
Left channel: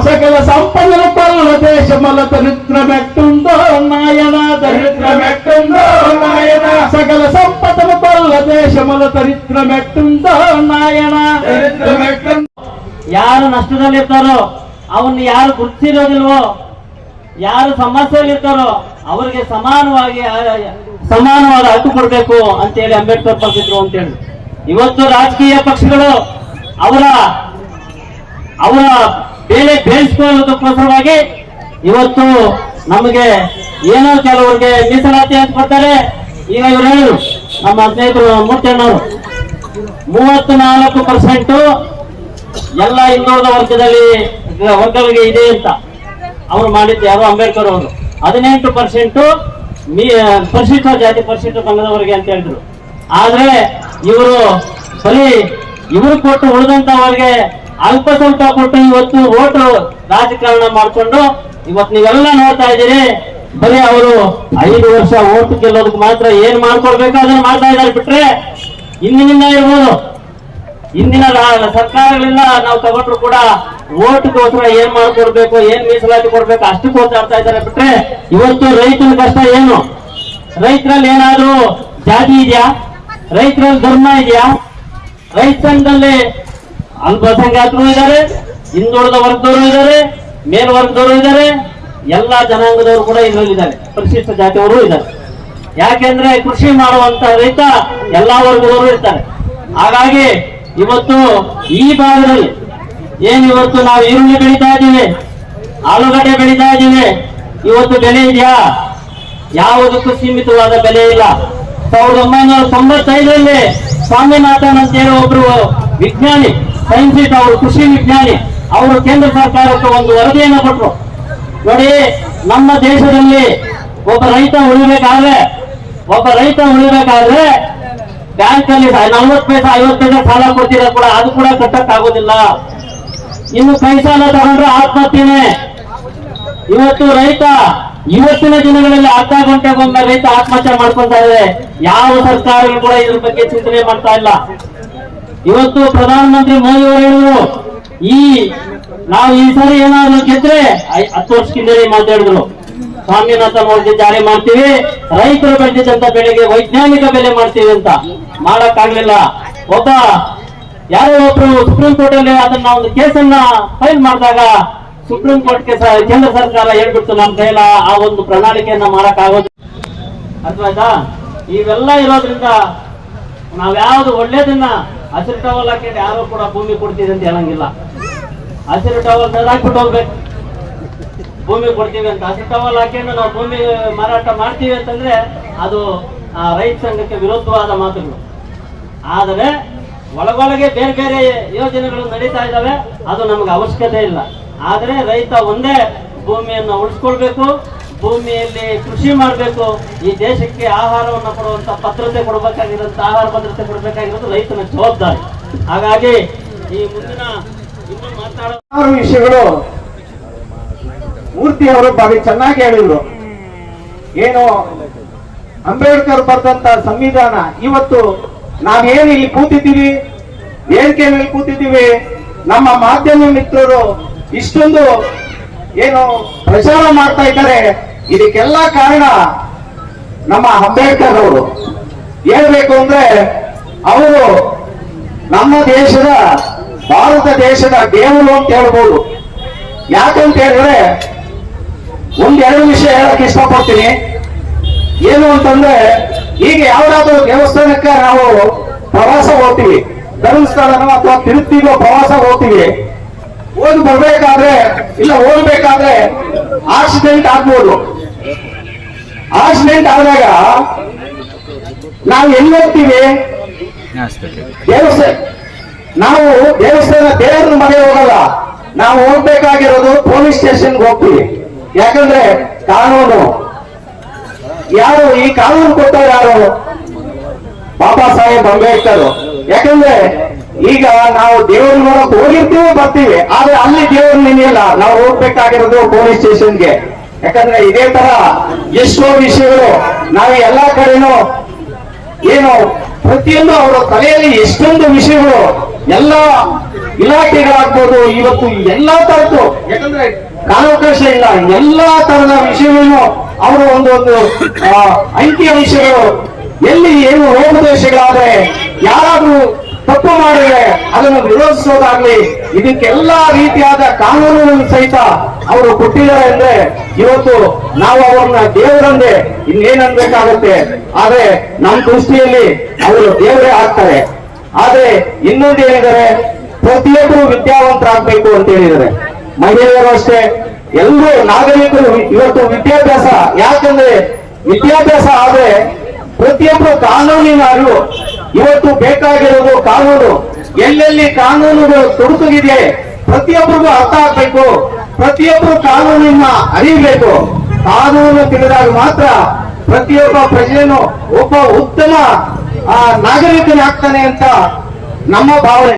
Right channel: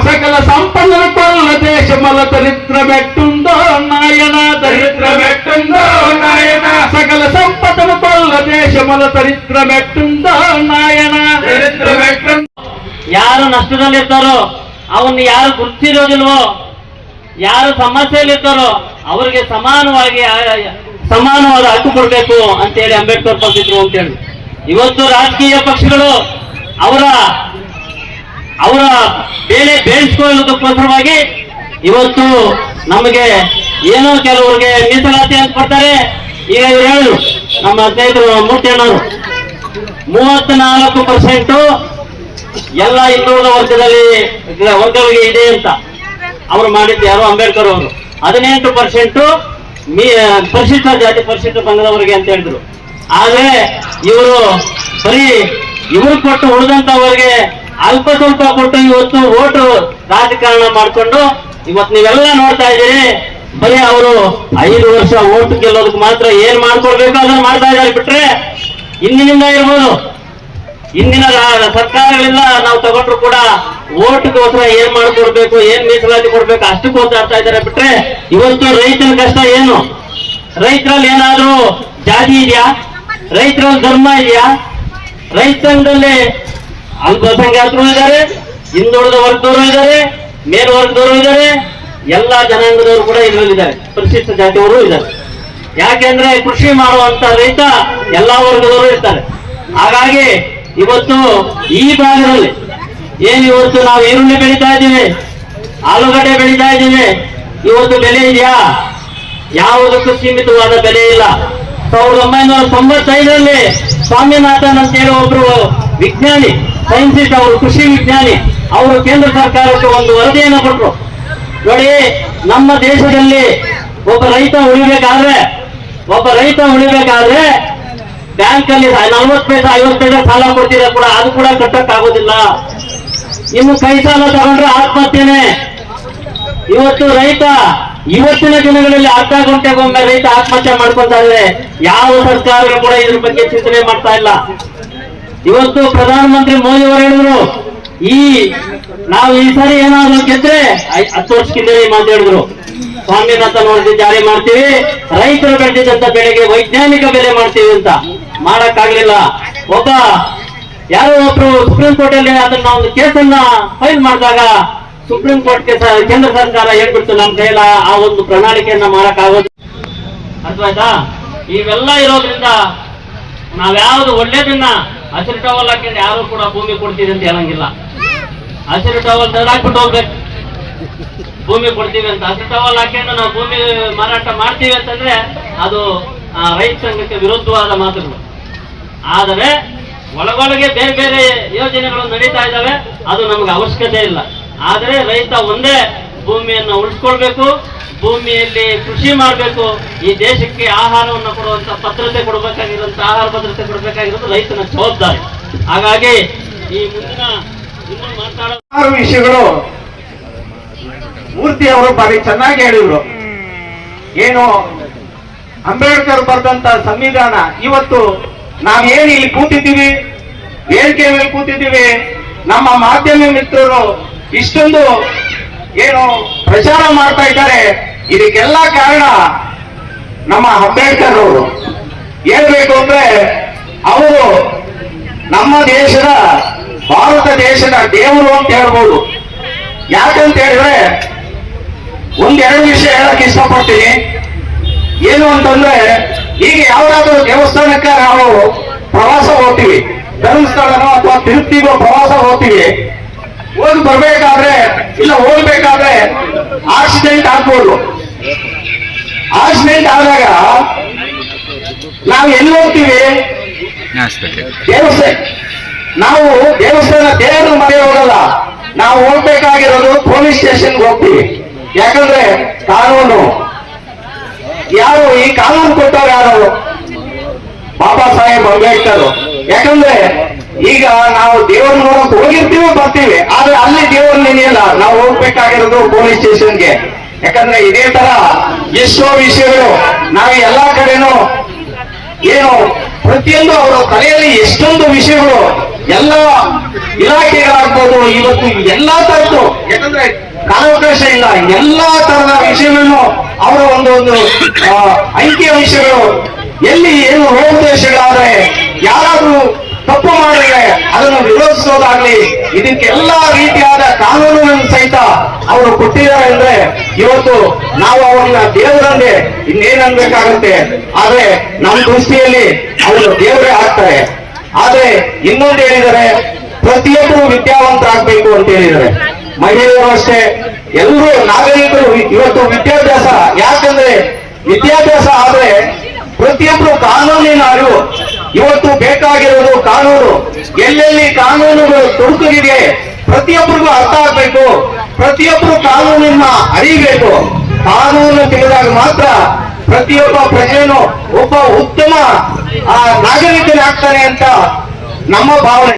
సకల సంపదల కొల్ల దేశముల దరిద్రమెట్టుందో నాయన సకల సంపదల కొల్ల దేశముల దరిద్రమెట్టుందో ನಾಯನ ಯಾರು ನಷ್ಟದಲ್ಲಿರ್ತಾರೋ ಅವನ್ನ ಯಾರು ಗುರುತಿರೋದಿಲ್ವೋ, ಯಾರು ಸಮಸ್ಯೆಯಲ್ಲಿರ್ತಾರೋ ಅವರಿಗೆ ಸಮಾನವಾದ ಹಕ್ಕು ಕೊಡಬೇಕು ಅಂತೇಳಿ ಅಂಬೇಡ್ಕರ್ ಪಂಡಿತರು ಅಂತೇಳಿ ಇವತ್ತು ರಾಜಕೀಯ ಪಕ್ಷಗಳು ಅವರ ಬೇಳೆ ಬೇಯಿಸಿಕೊಳ್ಳೋದಕ್ಕೋಸ್ಕರವಾಗಿ ಇವತ್ತು ನಮಗೆ ಏನೋ ಕೆಲವರಿಗೆ ಮೀಸಲಾತಿ ಅಂತ ಕೊಡ್ತಾರೆ. ಈಗ ಇವರು ಹೇಳು ನಮ್ಮ ಸ್ನೇಹಿತರು ಮೂರ್ತಿಯಣ್ಣವರು 34% ಎಲ್ಲ ಇನ್ನುಳಿದ ವರ್ಗಗಳಿಗೆ ಇದೆ ಅಂತ ಅವರು ಮಾಡಿದ್ದು ಯಾರು ಅಂಬೇಡ್ಕರ್ ಅವರು. 18% ಪರಿಶಿಷ್ಟ ಜಾತಿ ಪರಿಶಿಷ್ಟ ಪಂಗಡವರಿಗೆ ಅಂತ ಹೇಳಿದ್ರು. ಆದ್ರೆ ಇವರು ಬರೀ ಇವರು ಕೊಟ್ಟು ಉಳಿದಂತವರಿಗೆ ಅಲ್ಪ ಸ್ವಲ್ಪ ಕೊಟ್ಟು ಇವತ್ತು ಓಟು ರಾಜಕಾರಣ ಮಾಡಿಕೊಂಡು ಇವತ್ತು ನೀವೆಲ್ಲ ನೋಡ್ತಾ ಇದ್ದೀರಿ. ಬರೀ ಅವರು 5 ವರ್ಷ ಓಟ್ ಗೆಲ್ಲೋದಕ್ಕೆ ಮಾತ್ರ ಏನ್ ಮಾಡ್ಕೊಳ್ಬೇಕು ಅದನ್ನ ಮಾಡ್ತಾ ಇದ್ದಾರೆ. ಬಿಟ್ರೆ ಇಂದಿನಿಂದ ಇರ್ಬೋದು, ಇಂದಿನ ಸರ್ಕಾರಗಳಿಂದ ನಾವು ತಗೊಂಡ್ರು ಕೂಡ ಓಟ್ಗೋಸ್ಕರ ಏನ್ ಮಾಡ್ಕೊಡ್ಬೇಕು, ಏನ್ ಮೀಸಲಾತಿ ಕೊಡ್ಬೇಕು ಅಷ್ಟಕ್ಕೋಸ್ಕರ ಆಡ್ತಾ ಇದ್ದಾರೆ. ಬಿಟ್ರೆ ಇವತ್ತು ರೈತರ ಕಷ್ಟ ಏನು? ರೈತರಲ್ಲಿ ಏನಾದ್ರೂ ಜಾತಿ ಇದೆಯಾ? ರೈತರಲ್ಲಿ ಧರ್ಮ ಇದೆಯಾ? ರೈತರಲ್ಲಿ ಅಲ್ಪಸಂಖ್ಯಾತರು ಇದ್ದಾರೆ, ಹಿಂದುಳಿದ ವರ್ಗದವರು ಇದ್ದಾರೆ, ಮೇಲ್ವರ್ಗದವರು ಇದ್ದಾರೆ, ಎಲ್ಲಾ ಜನಾಂಗದವರು ಕೂಡ ಇದರಲ್ಲಿದ್ದಾರೆ, ಪರಿಶಿಷ್ಟ ಜಾತಿಯವರು ಇದ್ದಾರೆ. ಯಾಕೆಂದ್ರೆ ಕೃಷಿ ಮಾಡುವಂತ ರೈತ ಎಲ್ಲಾ ವರ್ಗದವರು ಇರ್ತಾರೆ. ಹಾಗಾಗಿ ಇವತ್ತು ಈ ಭಾಗದಲ್ಲಿ ಇವತ್ತು ನಾವು ಈರುಳ್ಳಿ ಬೆಳೀತಾ ಇದ್ದೀವಿ, ಆಲೂಗಡ್ಡೆ ಬೆಳೀತಾ ಇದ್ದೀವಿ, ಇವತ್ತು ಬೆಲೆ ಇದೆಯಾ? ಯಾವುದಕ್ಕೂ ಸೀಮಿತವಾದ ಬೆಲೆ ಇಲ್ಲ. 1995ರಲ್ಲಿ ಸ್ವಾಮಿನಾಥನ್ ಅಂತ ಹೇಳಿ ಒಬ್ರು ವಿಜ್ಞಾನಿ, ಸೈಂಟಿಸ್ಟ್, ಅವರು ಕೃಷಿ ವಿಜ್ಞಾನಿ, ಅವರು ಕೇಂದ್ರ ಸರ್ಕಾರಕ್ಕೆ ಒಂದು ವರದಿಯನ್ನು ಕೊಟ್ಟರು. ನೋಡಿ, ನಮ್ಮ ದೇಶದಲ್ಲಿ ಒಬ್ಬ ರೈತ ಉಳಿಬೇಕಾದ್ರೆ ಬ್ಯಾಂಕ್ ಅಲ್ಲಿ 40 ಪೈಸೆ 50 ಪೈಸೆ ಸಾಲ ಕೊಡ್ತೀರಾ ಕೂಡ ಅದು ಕೂಡ ಕಟ್ಟಕ್ ಆಗೋದಿಲ್ಲ. ಇನ್ನು ಕೈ ಸಾಲ ತಗೊಂಡ್ರೆ ಆತ್ಮಹತ್ಯೆನೆ. ಇವತ್ತು ರೈತ ಇವತ್ತಿನ ದಿನಗಳಲ್ಲಿ ಅರ್ಧ ಗಂಟೆಗೊಮ್ಮೆ ರೈತ ಆತ್ಮಹತ್ಯೆ ಮಾಡ್ಕೊತಾ ಇದ್ದಾರೆ. ಯಾವ ಸರ್ಕಾರಗಳು ಕೂಡ ಇದ್ರ ಬಗ್ಗೆ ಚಿಂತನೆ ಮಾಡ್ತಾ ಇಲ್ಲ. ಇವತ್ತು ಪ್ರಧಾನಮಂತ್ರಿ ಮೋದಿ ಅವರು ಹೇಳಿದ್ರು, ನಾವು ಈ ಸಾರಿ ಏನಾದ್ರು ಗೆದ್ರೆ 10 ವರ್ಷಕ್ಕಿಂತ ಮಾತಾಡಿದ್ರು, ಸ್ವಾಮಿನಾಥನ್ ವರದಿ ಜಾರಿ ಮಾಡ್ತೀವಿ, ರೈತರು ಬೆಳೆದಿದ್ದಂತ ಬೆಳೆಗೆ ವೈಜ್ಞಾನಿಕ ಬೆಲೆ ಮಾಡ್ತೀವಿ ಅಂತ. ಮಾಡಕ್ಕಾಗ್ಲಿಲ್ಲ. ಯಾರೋ ಒಬ್ರು ಸುಪ್ರೀಂ ಕೋರ್ಟ್ ಅಲ್ಲಿ ಅದನ್ನ ಒಂದು ಕೇಸನ್ನ ಫೈಲ್ ಮಾಡಿದಾಗ ಸುಪ್ರೀಂ ಕೋರ್ಟ್ಗೆ ಕೇಂದ್ರ ಸರ್ಕಾರ ಹೇಳ್ಬಿಡ್ತು, ನಮ್ಮ ಕೈಲ ಆ ಒಂದು ಪ್ರಣಾಳಿಕೆಯನ್ನ ಮಾಡಕ್ ಆಗೋದು. ಅರ್ಥವಾಯ್ತಾ? ಇವೆಲ್ಲ ಇರೋದ್ರಿಂದ ನಾವ್ಯಾವ್ದು ಒಳ್ಳೇದನ್ನ ಹಸಿರು ಟವಲ್ ಹಾಕಿದ್ರೆ ಯಾರು ಕೂಡ ಭೂಮಿ ಕೊಡ್ತೀವಿ ಅಂತ ಹೇಳಂಗಿಲ್ಲ. ಹಸಿರು ಟವಲ್ ಹಾಕ್ಬಿಟ್ಟು ಹೋಗ್ಬೇಕು, ಭೂಮಿ ಕೊಡ್ತೀವಿ ಅಂತ. ಹಸಿರು ಟವಲ್ ಹಾಕಿದ್ರೆ ನಾವು ಭೂಮಿ ಮಾರಾಟ ಮಾಡ್ತೀವಿ ಅಂತಂದ್ರೆ ಅದು ರೈತ ಸಂಘಕ್ಕೆ ವಿರುದ್ಧವಾದ ಮಾತುಗಳು. ಆದರೆ ಒಳಗೊಳಗೆ ಬೇರೆ ಬೇರೆ ಯೋಜನೆಗಳು ನಡೀತಾ ಇದ್ದಾವೆ, ಅದು ನಮ್ಗೆ ಅವಶ್ಯಕತೆ ಇಲ್ಲ. ಆದರೆ ರೈತ ಒಂದೇ ಭೂಮಿಯನ್ನು ಉಳಿಸ್ಕೊಳ್ಬೇಕು, ಭೂಮಿಯಲ್ಲಿ ಕೃಷಿ ಮಾಡಬೇಕು. ಈ ದೇಶಕ್ಕೆ ಆಹಾರವನ್ನು ಕೊಡುವಂತ ಭದ್ರತೆ ಕೊಡಬೇಕಾಗಿರುವಂತ ಆಹಾರ ಭದ್ರತೆ ಕೊಡಬೇಕಾಗಿರೋದು ರೈತನ ಜವಾಬ್ದಾರಿ. ಹಾಗಾಗಿ ಈ ಮುಂದಿನ ಮಾತನಾಡೋ ವಿಷಯಗಳು ಮೂರ್ತಿ ಅವರು ಬಾರಿ ಚೆನ್ನಾಗಿ ಹೇಳಿದ್ರು. ಏನು ಅಂಬೇಡ್ಕರ್ ಬರೆದಂತ ಸಂವಿಧಾನ ಇವತ್ತು ನಾವೇನು ಇಲ್ಲಿ ಕೂತಿದ್ದೀವಿ, ವೇದಿಕೆ ಮೇಲೆ ಕೂತಿದ್ದೀವಿ, ನಮ್ಮ ಮಾಧ್ಯಮ ಮಿತ್ರರು ಇಷ್ಟೊಂದು ಏನು ಪ್ರಚಾರ ಮಾಡ್ತಾ ಇದ್ದಾರೆ, ಇದಕ್ಕೆಲ್ಲ ಕಾರಣ ನಮ್ಮ ಅಂಬೇಡ್ಕರ್ ಅವರು. ಹೇಳ್ಬೇಕು ಅಂದ್ರೆ ಅವರು ನಮ್ಮ ದೇಶದ ಭಾರತ ದೇಶದ ದೇವರು ಅಂತ ಹೇಳ್ಬೋದು. ಯಾಕಂತ ಹೇಳಿದ್ರೆ 1-2 ವಿಷಯ ಹೇಳಕ್ ಇಷ್ಟಪಡ್ತೀನಿ. ಏನು ಅಂತಂದ್ರೆ, ಈಗ ಯಾವ್ದಾದ್ರು ದೇವಸ್ಥಾನಕ್ಕೆ ನಾವು ಪ್ರವಾಸ ಹೋಗ್ತೀವಿ, ಧರ್ಮಸ್ಥಳನೋ ಅಥವಾ ತಿರುಪ್ತಿಗೋ ಪ್ರವಾಸ ಹೋಗ್ತೀವಿ, ಹೋಗಿ ಬರ್ಬೇಕಾದ್ರೆ ಇಲ್ಲ ಹೋಗ್ಬೇಕಾದ್ರೆ ಆಕ್ಸಿಡೆಂಟ್ ಆಗ್ಬೋದು. ಆಕ್ಸಿಡೆಂಟ್ ಆದಾಗ ನಾವು ಎಲ್ಲಿ ಹೋಗ್ತೀವಿ? ನಾವು ದೇವಸ್ಥಾನ ದೇವರ ಮನೆ ಹೋಗಲ್ಲ, ನಾವು ಹೋಗ್ಬೇಕಾಗಿರೋದು ಪೊಲೀಸ್ ಸ್ಟೇಷನ್ಗೆ ಹೋಗ್ತೀವಿ. ಯಾಕಂದ್ರೆ ಕಾನೂನು ಯಾರು ಈ ಕಾನೂನು ಕೊಟ್ಟವ್ರು ಯಾರು? ಬಾಬಾ ಸಾಹೇಬ್ ಅಂಬೇಡ್ಕರ್. ಯಾಕಂದ್ರೆ ಈಗ ನಾವು ದೇವ್ರ ನೋಡಕ್ ಹೋಗಿರ್ತೀವಿ ಬರ್ತೀವಿ, ಆದ್ರೆ ಅಲ್ಲಿ ದೇವ್ರ ನೆನೆಯಲ್ಲ, ನಾವು ಹೋಗ್ಬೇಕಾಗಿರೋದು ಪೊಲೀಸ್ ಸ್ಟೇಷನ್ಗೆ. ಯಾಕಂದ್ರೆ ಇದೇ ತರ ಎಷ್ಟೋ ವಿಷಯಗಳು ನಾವು ಎಲ್ಲಾ ಕಡೆನೂ ಏನು ಪ್ರತಿಯೊಂದು ಅವರ ತಲೆಯಲ್ಲಿ ಎಷ್ಟೊಂದು ವಿಷಯಗಳು ಎಲ್ಲ ಇಲಾಖೆಗಳಾಗ್ಬೋದು, ಇವತ್ತು ಎಲ್ಲಾ ತರದ್ದು, ಯಾಕಂದ್ರೆ ಕಾಲಾವಕಾಶ ಇಲ್ಲ, ಎಲ್ಲಾ ತರದ ವಿಷಯಗಳನ್ನು ಅವರ ಒಂದು ಅಂಕಿಯ ವಿಷಯಗಳು ಎಲ್ಲಿ ಏನು ಲೋಪದೋಷಗಳಾದ್ರೆ ಯಾರಾದ್ರೂ ತಪ್ಪು ಮಾಡಿದ್ರೆ ಅದನ್ನು ವಿರೋಧಿಸೋದಾಗ್ಲಿ, ಇದಕ್ಕೆಲ್ಲಾ ರೀತಿಯಾದ ಕಾನೂನುಗಳನ್ನು ಸಹಿತ ಅವರು ಕೊಟ್ಟಿದ್ದಾರೆ ಅಂದ್ರೆ ಇವತ್ತು ನಾವು ಅವರನ್ನ ದೇವರಂದೆ ಇನ್ನೇನನ್ಬೇಕಾಗತ್ತೆ. ಆದ್ರೆ ನಮ್ಮ ದೃಷ್ಟಿಯಲ್ಲಿ ಅವರು ದೇವರೇ ಆಗ್ತಾರೆ. ಆದ್ರೆ ಇನ್ನೊಂದು ಹೇಳಿದರೆ ಪ್ರತಿಯೊಬ್ಬರು ವಿದ್ಯಾವಂತರಾಗಬೇಕು ಅಂತ ಹೇಳಿದ್ದಾರೆ. ಮಹಿಳೆಯರು ಅಷ್ಟೇ, ಎಲ್ಲರೂ ನಾಗರಿಕರು ಇವತ್ತು ವಿದ್ಯಾಭ್ಯಾಸ, ಯಾಕಂದ್ರೆ ವಿದ್ಯಾಭ್ಯಾಸ ಆದ್ರೆ ಪ್ರತಿಯೊಬ್ಬರು ಕಾನೂನಿನ ಅರಿವು, ಇವತ್ತು ಬೇಕಾಗಿರೋದು ಕಾನೂನು, ಎಲ್ಲೆಲ್ಲಿ ಕಾನೂನುಗಳು ತೊಡಕಿದೆ ಪ್ರತಿಯೊಬ್ಬರಿಗೂ ಅರ್ಥ ಆಗ್ಬೇಕು, ಪ್ರತಿಯೊಬ್ಬರು ಕಾನೂನನ್ನ ಅರಿಯಬೇಕು. ಕಾನೂನು ತಿಳಿದಾಗ ಮಾತ್ರ ಪ್ರತಿಯೊಬ್ಬ ಪ್ರಜೆಯನ್ನು ಒಬ್ಬ ಉತ್ತಮ ನಾಗರಿಕನಾಗ್ತಾನೆ ಅಂತ ನಮ್ಮ ಭಾವನೆ.